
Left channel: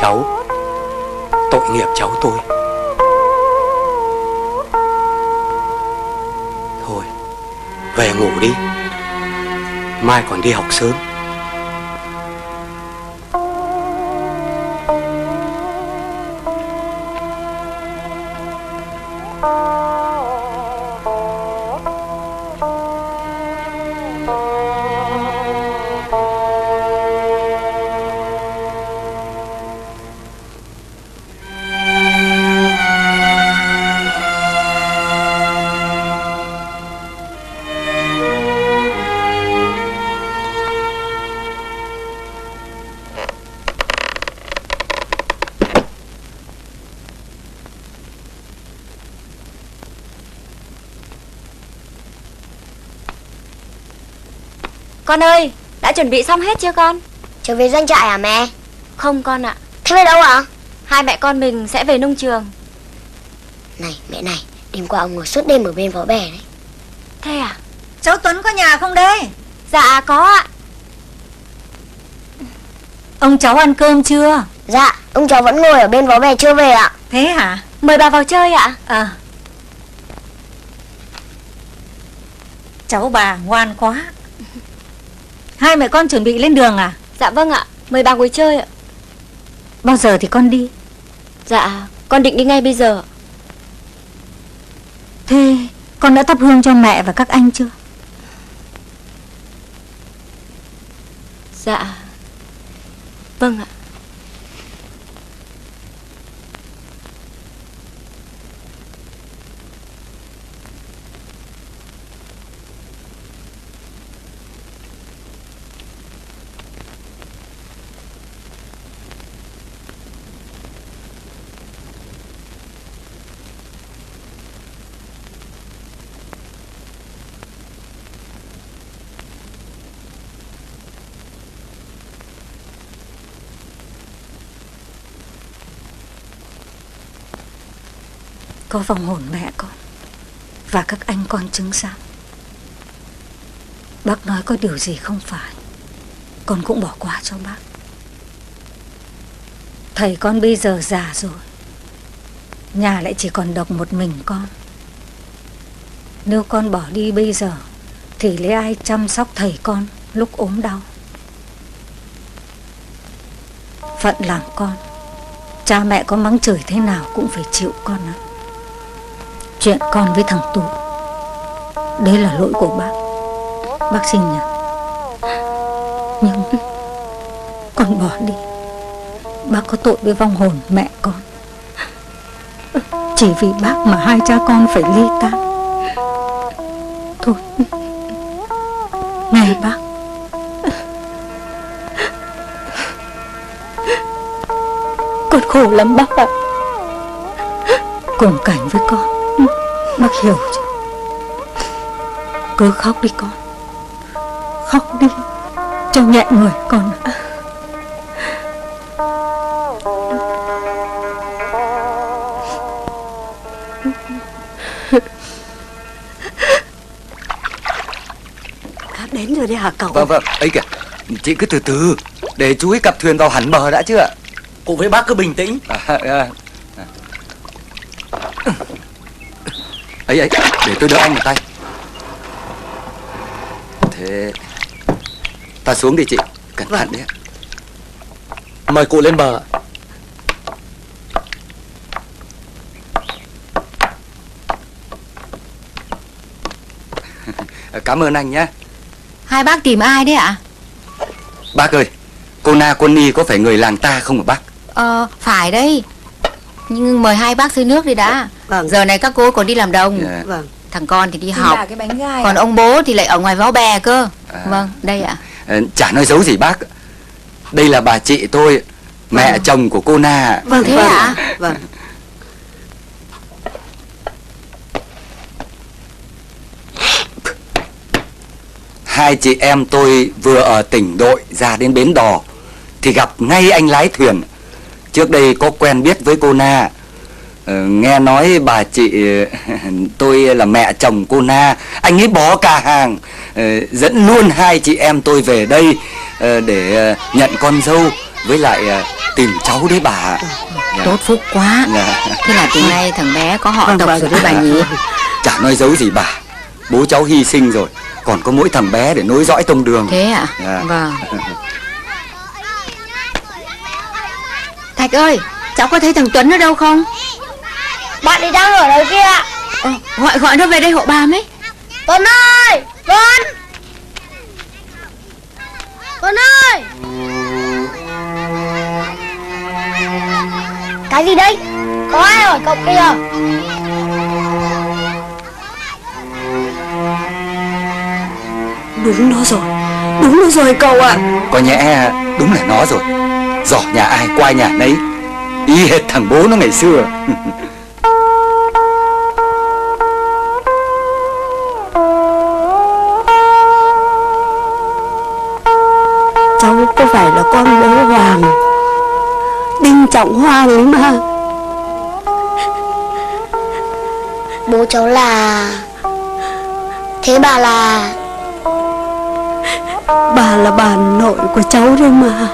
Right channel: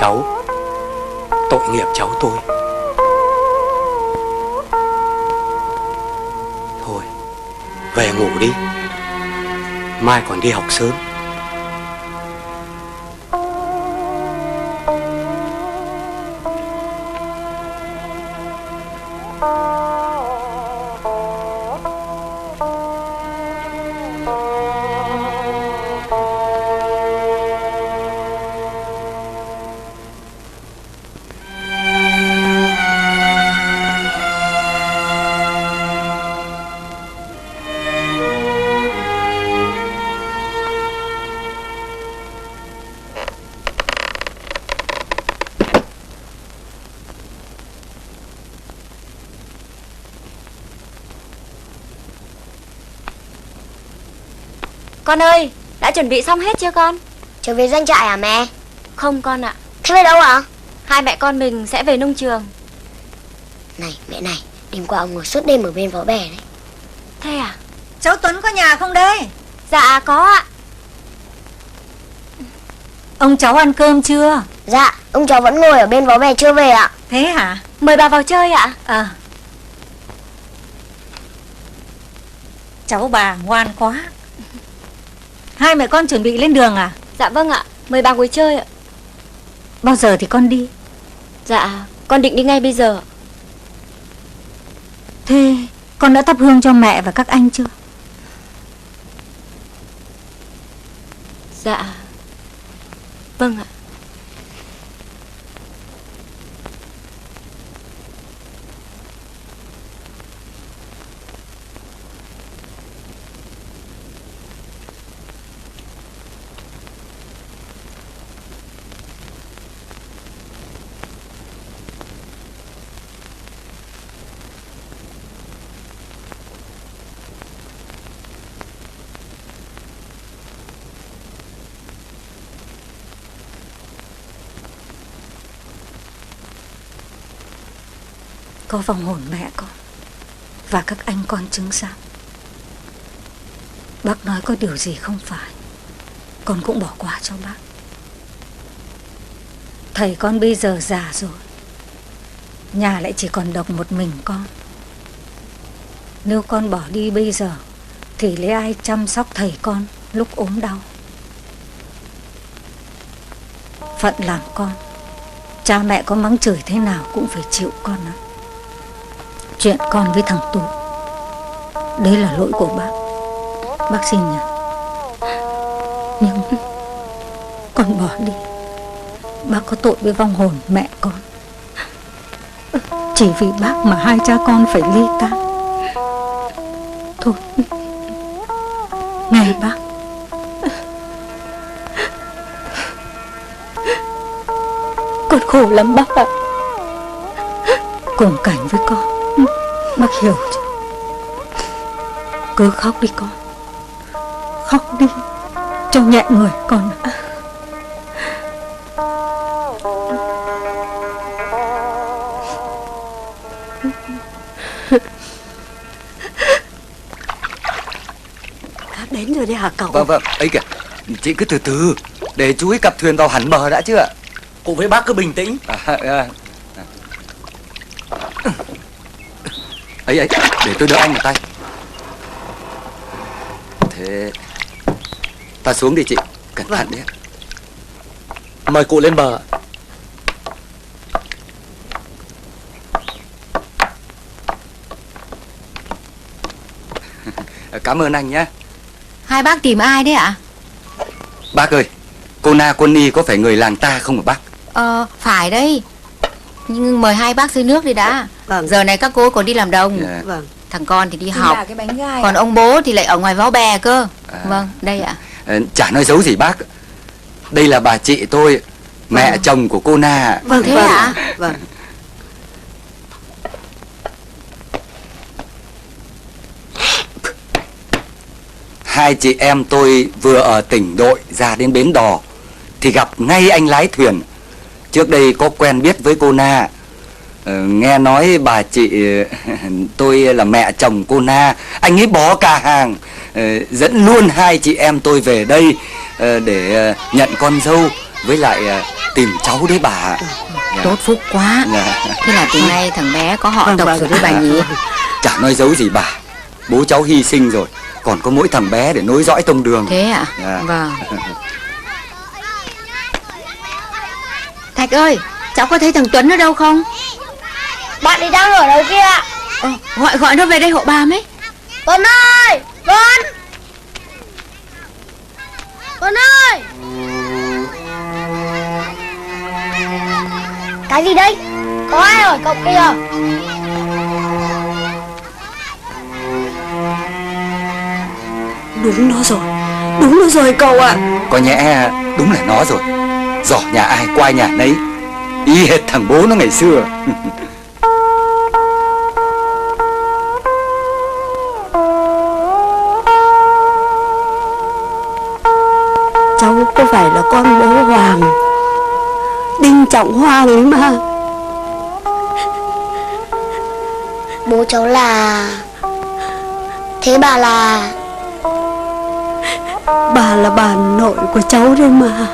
Cháu, tội nghiệp cháu tôi. Thôi, về ngủ đi, mai còn đi học sớm. con ơi, đã chuẩn bị xong hết chưa con? Trở về doanh trại hả mẹ? Không con ạ. Thế về đâu ạ? Hai mẹ con mình sẽ về nông trường. Này mẹ này, đêm qua ông ngồi suốt đêm ở bên vó bè đấy. Thế à? Cháu Tuấn có nhà không đây? Dạ có ạ. Ông cháu ăn cơm chưa? Dạ, ông cháu vẫn ngồi ở bên vó bè chưa về ạ. Thế hả? Mời bà vào chơi ạ. À. Cháu bà ngoan quá. Hai mẹ con chuẩn bị lên đường à? Dạ vâng ạ, mời bà ngồi chơi ạ. Bao giờ thì con đi? Dạ, con định đi ngay bây giờ. Thế con đã thắp hương cho mẹ và các anh chưa? Dạ, vâng ạ. Có vong hồn mẹ con và các anh con chứng giám. Bác nói có điều gì không phải, con cũng bỏ qua cho bác. Thầy con bây giờ già rồi, nhà lại chỉ còn độc một mình con. Nếu con bỏ đi bây giờ thì lấy ai chăm sóc thầy con lúc ốm đau? Phận làm con, cha mẹ có mắng chửi thế nào cũng phải chịu con ạ. Chuyện con với thằng Tú, đấy là lỗi của bác xin nhỉ. Nhưng con bỏ đi, bác có tội với vong hồn mẹ con. Chỉ vì bác mà hai cha con phải ly tán. Thôi, này bác, con khổ lắm bác ạ. Cùng cảnh với con, bác hiểu chứ. Cứ khóc đi con, khóc đi cho nhẹ người con ạ. Đến rồi đấy hả cậu? Vâng, ấy kìa, chị cứ từ từ, để chú ấy cặp thuyền vào hẳn bờ đã chứ ạ. Cùng với bác cứ bình tĩnh. Ấy, để tôi đỡ anh một tay. Thế, ta xuống đi chị, cẩn thận đấy. Mời cụ lên bờ. Cảm ơn anh nhé. Hai bác tìm ai đấy ạ? Bác ơi, cô Na cô Ni có phải người làng ta không hả bác? Phải đấy. Nhưng mời hai bác dưới nước đi đã. Vâng. Giờ này các cô còn đi làm đồng. Dạ. Vâng. Thằng con thì đi Đây học. là cái bánh gai. Còn ông bố thì lại ở ngoài Váo Bè cơ. Vâng, đây ạ. Chả nói giấu gì bác. Đây là bà chị tôi, mẹ chồng của cô Na. Vâng, thế ạ? Vâng. Hai chị em tôi vừa ở tỉnh đội ra đến bến đò thì gặp ngay anh lái thuyền. Trước đây có quen biết với cô Na. Nghe nói bà chị tôi là mẹ chồng cô Na, anh ấy bỏ cả hàng dẫn luôn hai chị em tôi về đây để nhận con dâu với lại tìm cháu đấy bà. Tốt phúc quá. Thế là từ nay thằng bé có họ tộc rồi đấy bà nhỉ? Chả nói giấu gì bà. Bố cháu hy sinh rồi, còn có mỗi thằng bé để nối dõi tông đường. Thế ạ? Dạ. Vâng. Thạch ơi, cháu có thấy thằng Tuấn ở đâu không? Bạn ấy đang ở nơi kia. Gọi nó về đây hộ bà mấy. Tuấn ơi! Tuấn! Tuấn ơi! Cái gì đấy? Có ai hỏi cậu kìa? Đúng nó rồi cậu ạ. Có nhẽ đúng là nó rồi. Giỏ nhà ai quay nhà đấy, y hệt thằng bố nó ngày xưa. Cháu có phải là con bố Hoàng, Đinh Trọng Hoàng ấy mà. Bố cháu là... Thế bà là... Bà là bà nội của cháu đấy mà.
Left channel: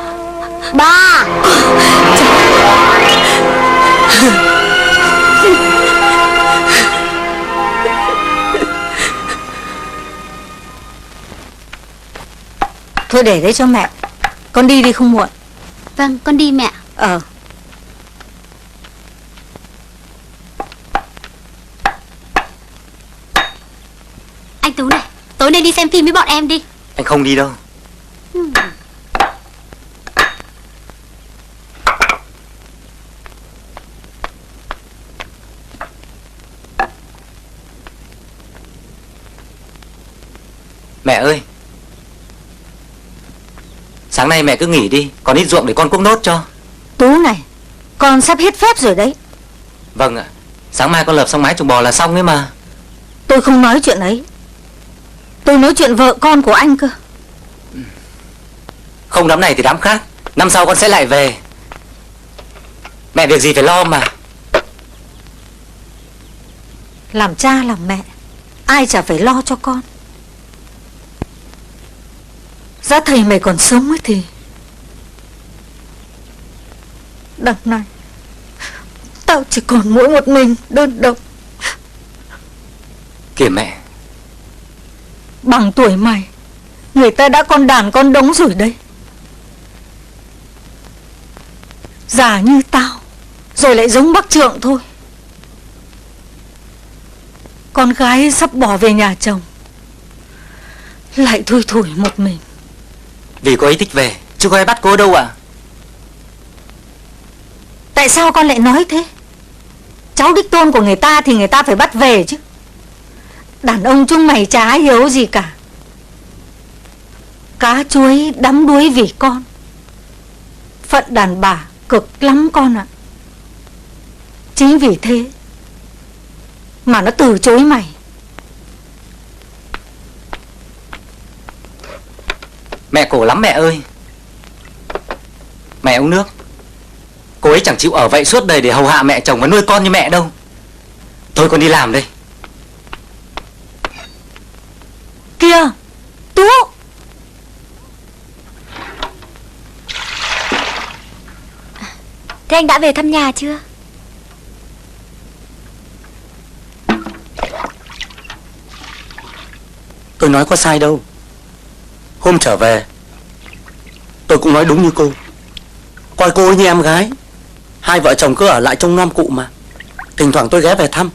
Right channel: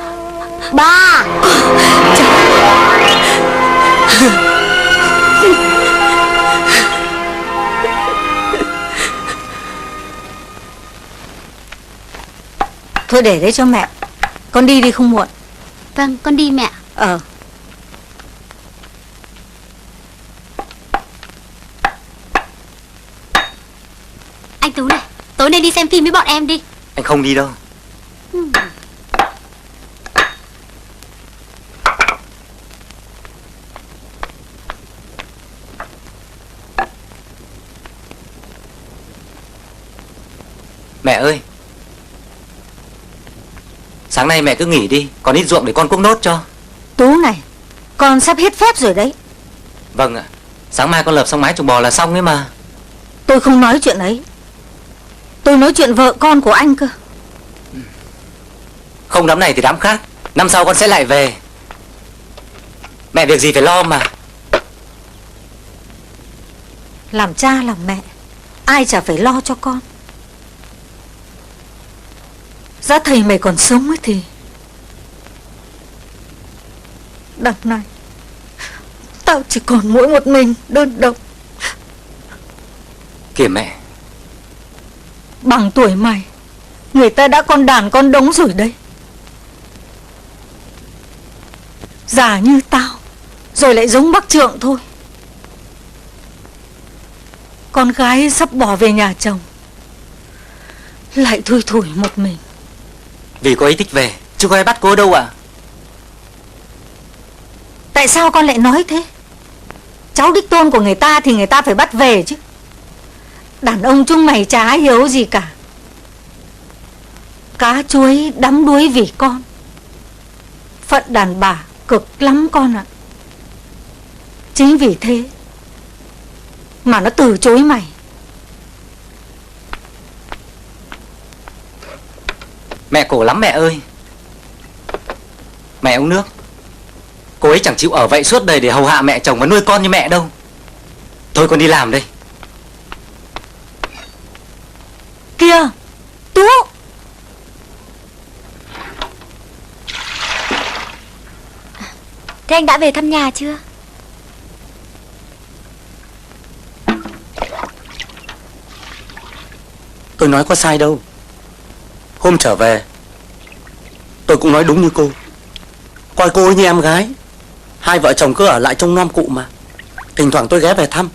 Ba! Thôi để đấy cho mẹ. Con đi đi không muộn. Vâng, con đi mẹ. Anh Tú này, tối nay đi xem phim với bọn em đi. Anh không đi đâu. Mẹ ơi, sáng nay mẹ cứ nghỉ đi, còn ít ruộng để con cuốc nốt cho. Tú này, con sắp hết phép rồi đấy. Vâng ạ, sáng mai con lập xong mái trồng bò là xong đấy mà. Tôi không nói chuyện ấy. Tôi nói chuyện vợ con của anh cơ. Không đám này thì đám khác, năm sau con sẽ lại về. Mẹ việc gì phải lo mà. Làm cha làm mẹ, ai chả phải lo cho con. Giá thầy mày còn sống ấy thì đằng này tao chỉ còn mỗi một mình đơn độc. Kìa mẹ, Bằng tuổi mày, người ta đã con đàn con đống rồi đấy. Già như tao, rồi lại giống bác Trượng thôi. Con gái sắp bỏ về nhà chồng, lại thui thủi một mình. vì cô ấy thích về, chứ có ai bắt cô ở đâu à? Tại sao con lại nói thế? Cháu đích tôn của người ta thì người ta phải bắt về chứ. Đàn ông chúng mày chả hiếu gì cả. Cá chuối đắm đuối vì con. Phận đàn bà cực lắm con ạ. Chính vì thế mà nó từ chối mày. Mẹ khổ lắm mẹ ơi. Mẹ uống nước. Cô ấy chẳng chịu ở vậy suốt đời để hầu hạ mẹ chồng và nuôi con như mẹ đâu. Thôi con đi làm đây. Kìa, Tú. Thế anh đã về thăm nhà chưa? Tôi nói có sai đâu. Hôm trở về tôi cũng nói đúng như cô. Coi cô như em gái. Hai vợ chồng cứ ở lại trong nom cụ mà. Thỉnh thoảng tôi ghé về thăm.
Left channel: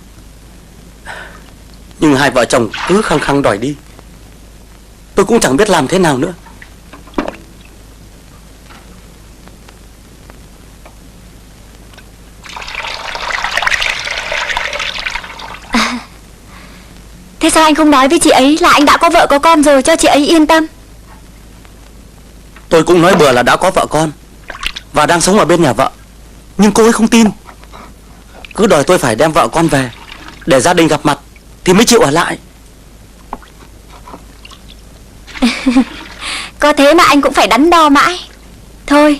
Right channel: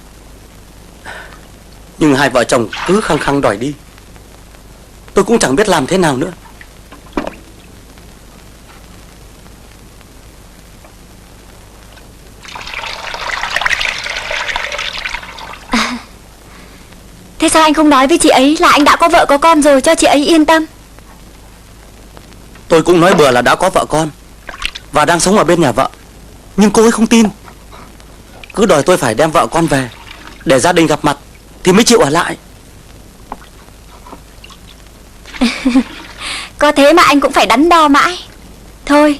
Nhưng hai vợ chồng cứ khăng khăng đòi đi. tôi cũng chẳng biết làm thế nào nữa. Thế sao anh không nói với chị ấy là anh đã có vợ có con rồi cho chị ấy yên tâm? Tôi cũng nói bừa là đã có vợ con và đang sống ở bên nhà vợ, nhưng cô ấy không tin. Cứ đòi tôi phải đem vợ con về để gia đình gặp mặt thì mới chịu ở lại. Có thế mà anh cũng phải đắn đo mãi. Thôi,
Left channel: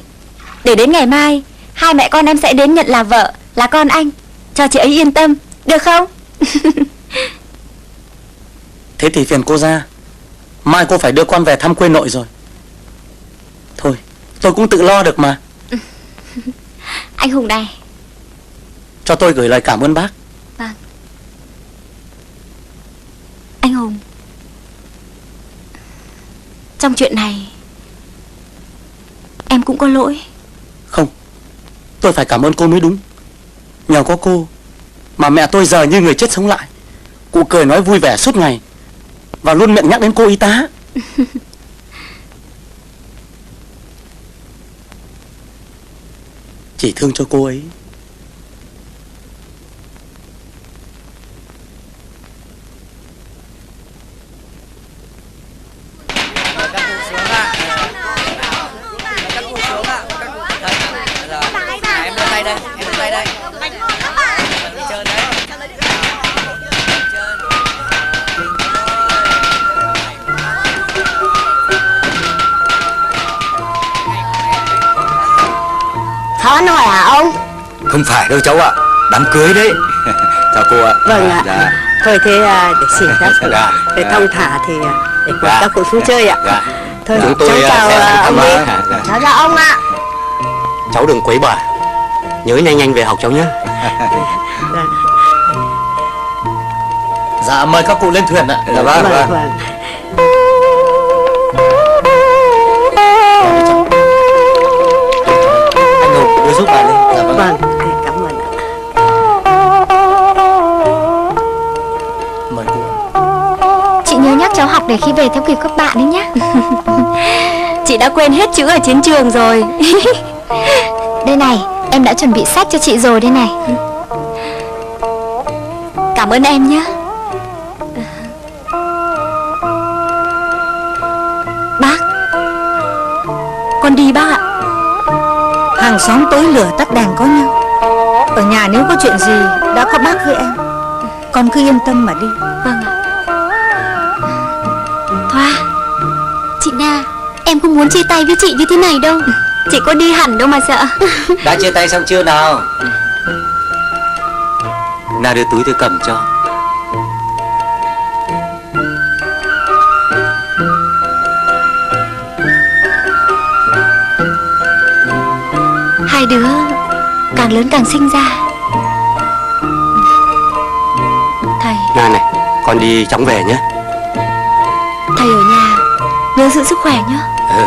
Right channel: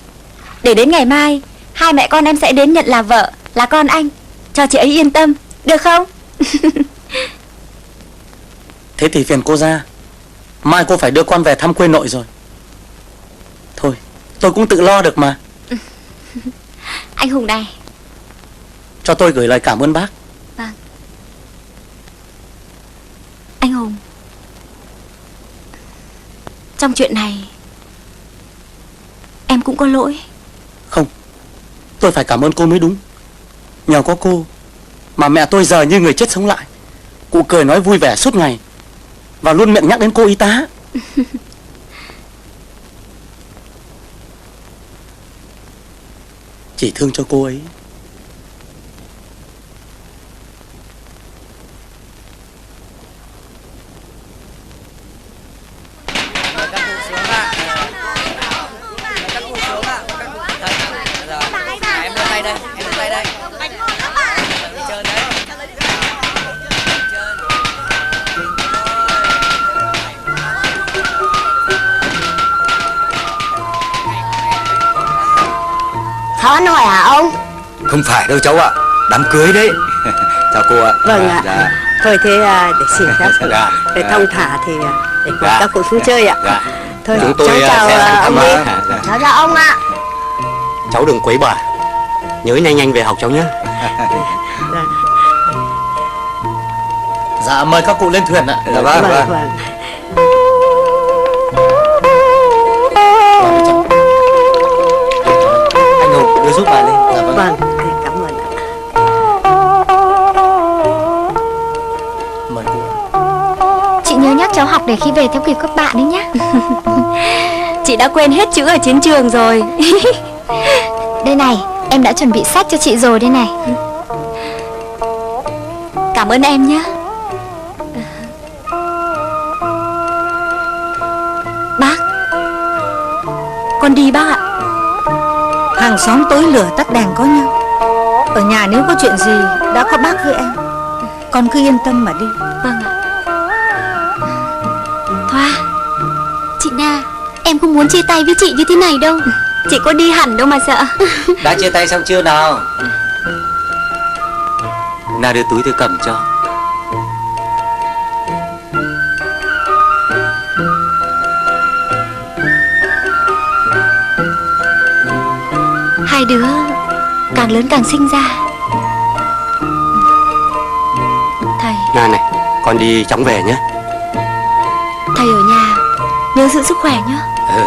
để đến ngày mai hai mẹ con em sẽ đến nhận là vợ, là con anh, cho chị ấy yên tâm, được không? Thế thì phiền cô ra. Mai cô phải đưa con về thăm quê nội rồi. Thôi, tôi cũng tự lo được mà. Anh Hùng này. Cho tôi gửi lời cảm ơn bác. Vâng. Anh Hùng, trong chuyện này em cũng có lỗi. Không, tôi phải cảm ơn cô mới đúng. Nhờ có cô mà mẹ tôi giờ như người chết sống lại. Cụ cười nói vui vẻ suốt ngày và luôn miệng nhắc đến cô y tá. Chỉ thương cho cô ấy. Thoát rồi hả ông? Không phải đâu cháu ạ, đám cưới đấy. Chào cô ạ. Vâng ạ. Dạ. Thôi thế để xin phép Dạ. để thông thả thì để cùng Dạ. các cụ xuống chơi ạ. Dạ. Thôi Chúng tôi cháu chào sẽ ông cảm ấy. ơn. Dạ. Cháu chào ông ạ. Cháu đừng quấy bà. Nhớ nhanh nhanh về học cháu nhé. Dạ mời các cụ lên thuyền ạ. Dạ vâng, Vâng, vâng. vâng. Anh Hùng đưa giúp bà đi. Dạ vâng. Vâng, cảm ơn ạ. Mời cụ. Chị nhớ nhắc cháu học để khi về theo kịp các bạn đấy nhé. Chị đã quên hết chữ ở chiến trường rồi. Đây này, em đã chuẩn bị sách cho chị rồi đây này. Cảm ơn em nhé. Bác, con đi bác ạ. Hàng xóm tối lửa tắt đèn có nhau. Ở nhà nếu có chuyện gì đã có bác với em. Con cứ yên tâm mà đi. Vâng ạ. Thoa, chị Nga, em không muốn chia tay với chị như thế này đâu. Chị có đi hẳn đâu mà sợ. Đã chia tay xong chưa nào? Nào đưa túi tôi cầm cho. Hai đứa càng lớn càng sinh ra. Thầy, Nga này, con đi chóng về nhé. thầy ở nhà nhớ giữ sức khỏe nhé. Ừ.